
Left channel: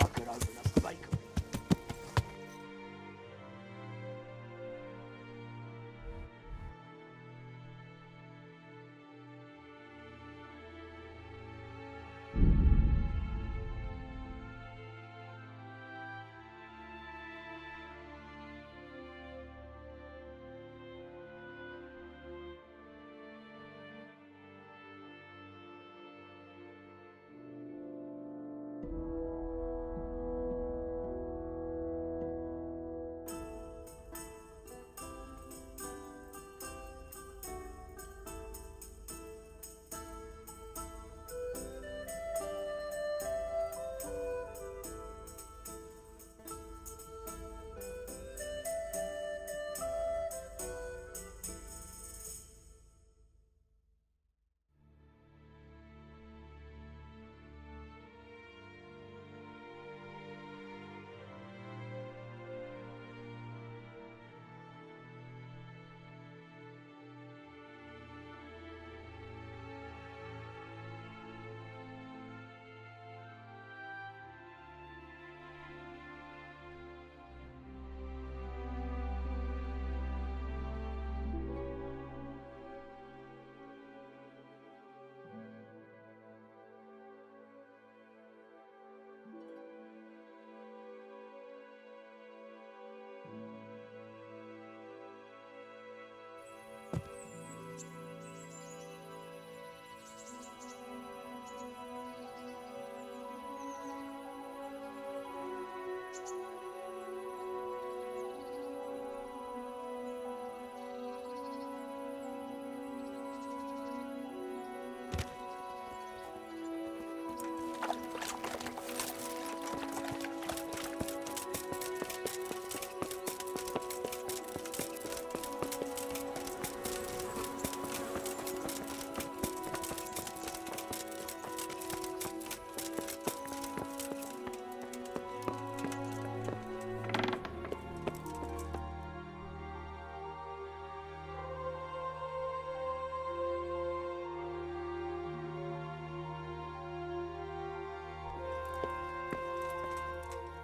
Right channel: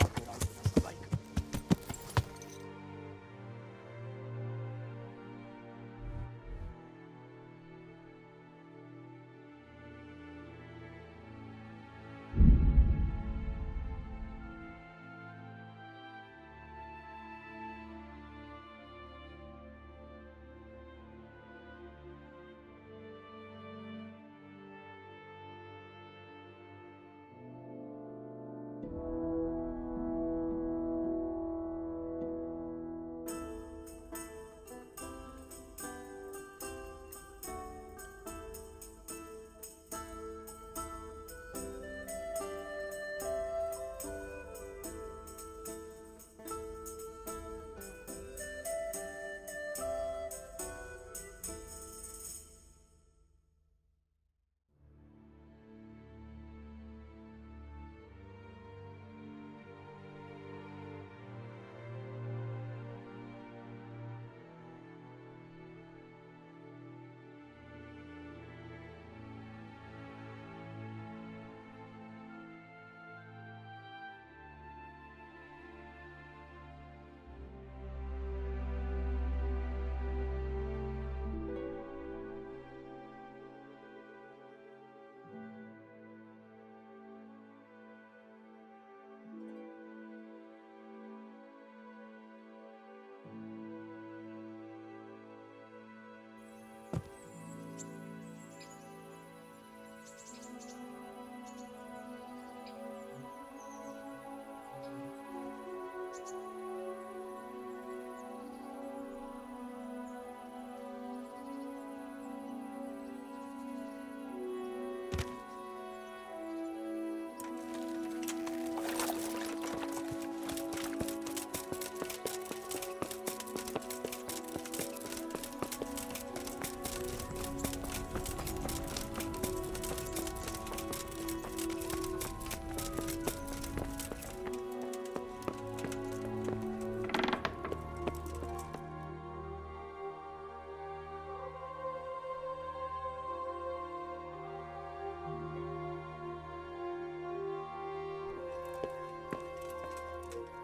I could open a bakery.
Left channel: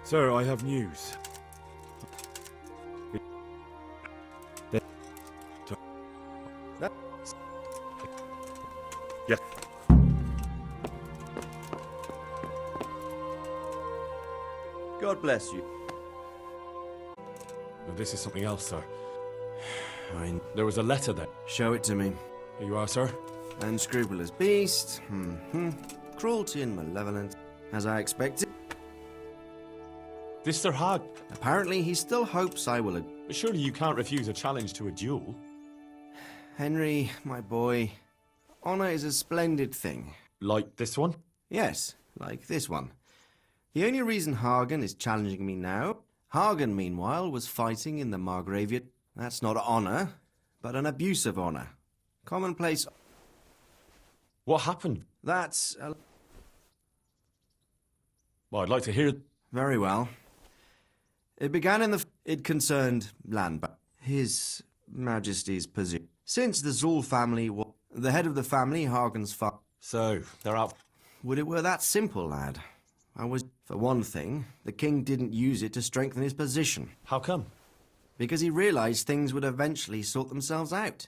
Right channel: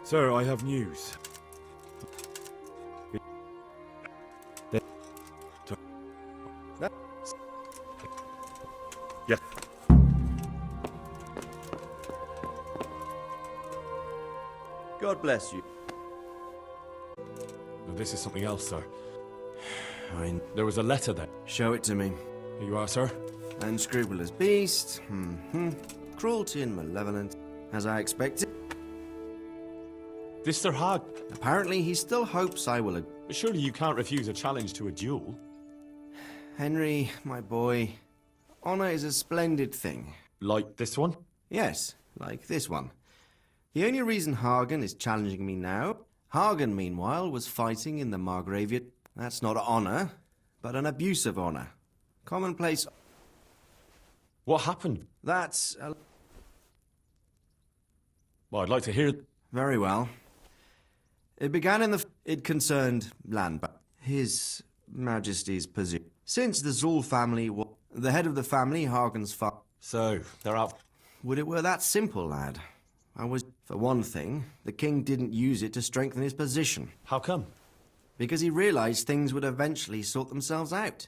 Sir, I have news. Yes. God bless you. this is something else, sir. Fine. There was a letter there. Show it to me. Here you are, sir. Unscrupulous beast. Cruelty and malevolence. As I expected. This Sir Hag. Apparently, he still hopes I will... But surely you can't refuse a challenge to a duel. Henry, my boy, honor is a splendid thing. Like this one? Yes, like this one. The only reason Hagen is challenging me now... Hagen, meanwhile, was fighting in the Margraviate. That's not honor, but an abuse of honor. Commonplace... What happened? That's... Well, I'd like to hear... Very well. It began in the... It concerned land, but His Majesty's position. Since the Zool family was... The head of the family, Hagen's father... So, they're out... Would it were that simple, lad? I was... For one thing, the king didn't use it to strengthen his position. How come? Because he realized things would eventually sort themselves out.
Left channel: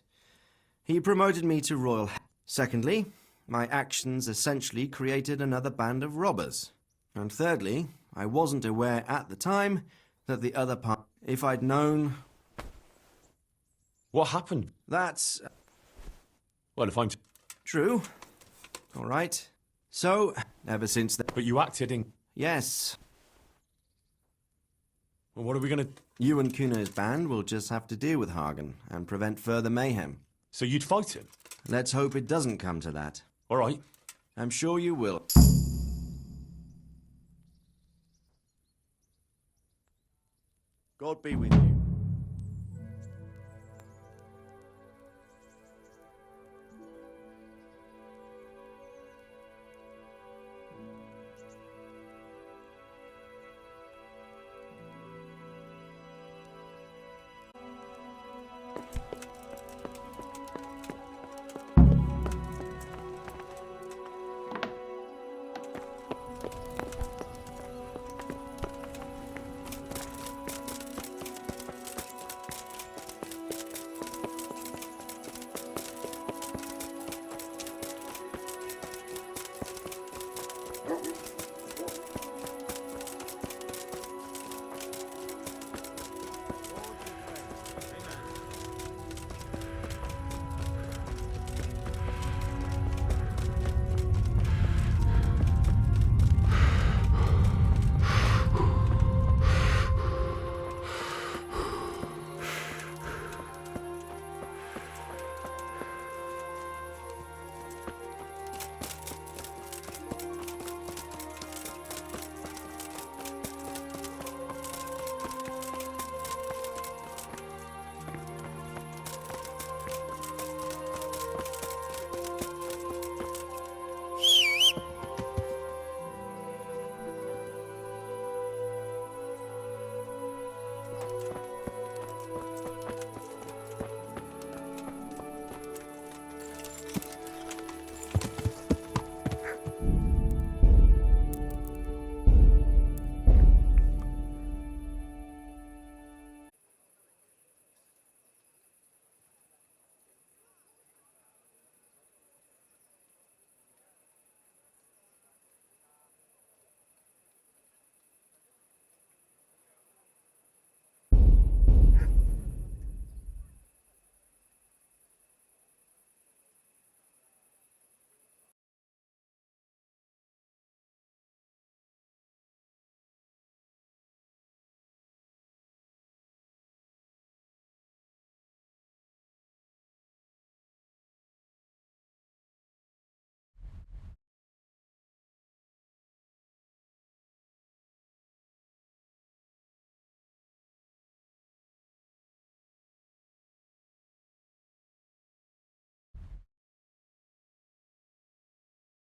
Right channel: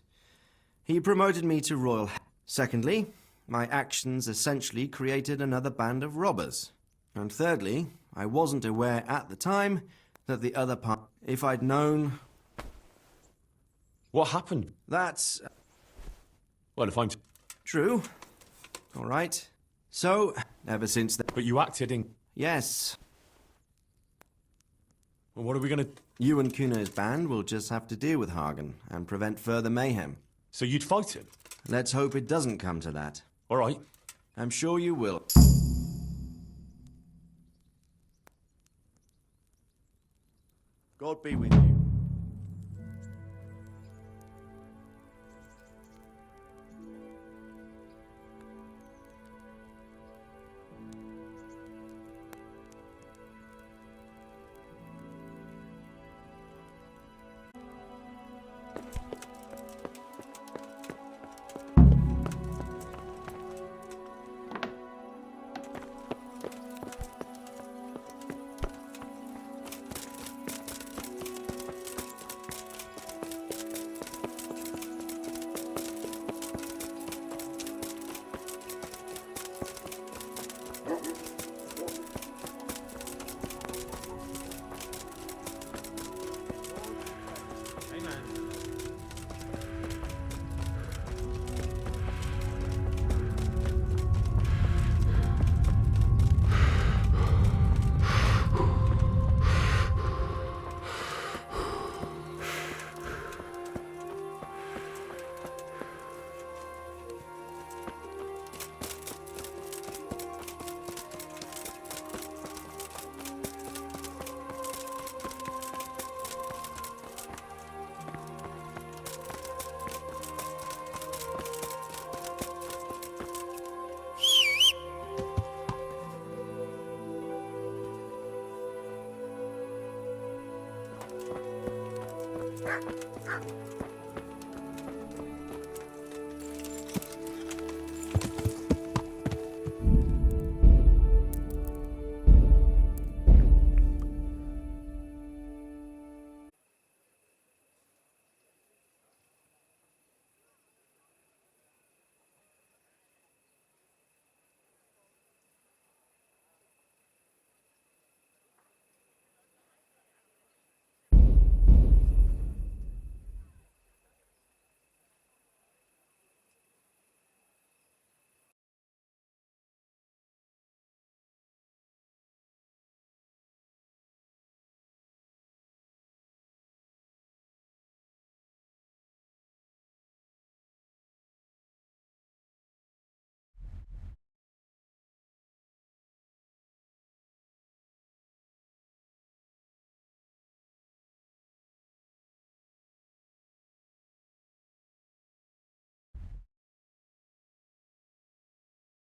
He promoted me to royal... Secondly, my actions essentially created another band of robbers. And thirdly, I wasn't aware at the time that the other part... If I'd known... What happened? That's... Well, if I'm... True. All right. So, ever since then... But you acted in... Yes. Well, what are we gonna... You and Kuno's band will just have to deal with Hagen and prevent further mayhem. So you'd fight him? Let's hope it doesn't come to that. All right. I'm sure you will. God be with you.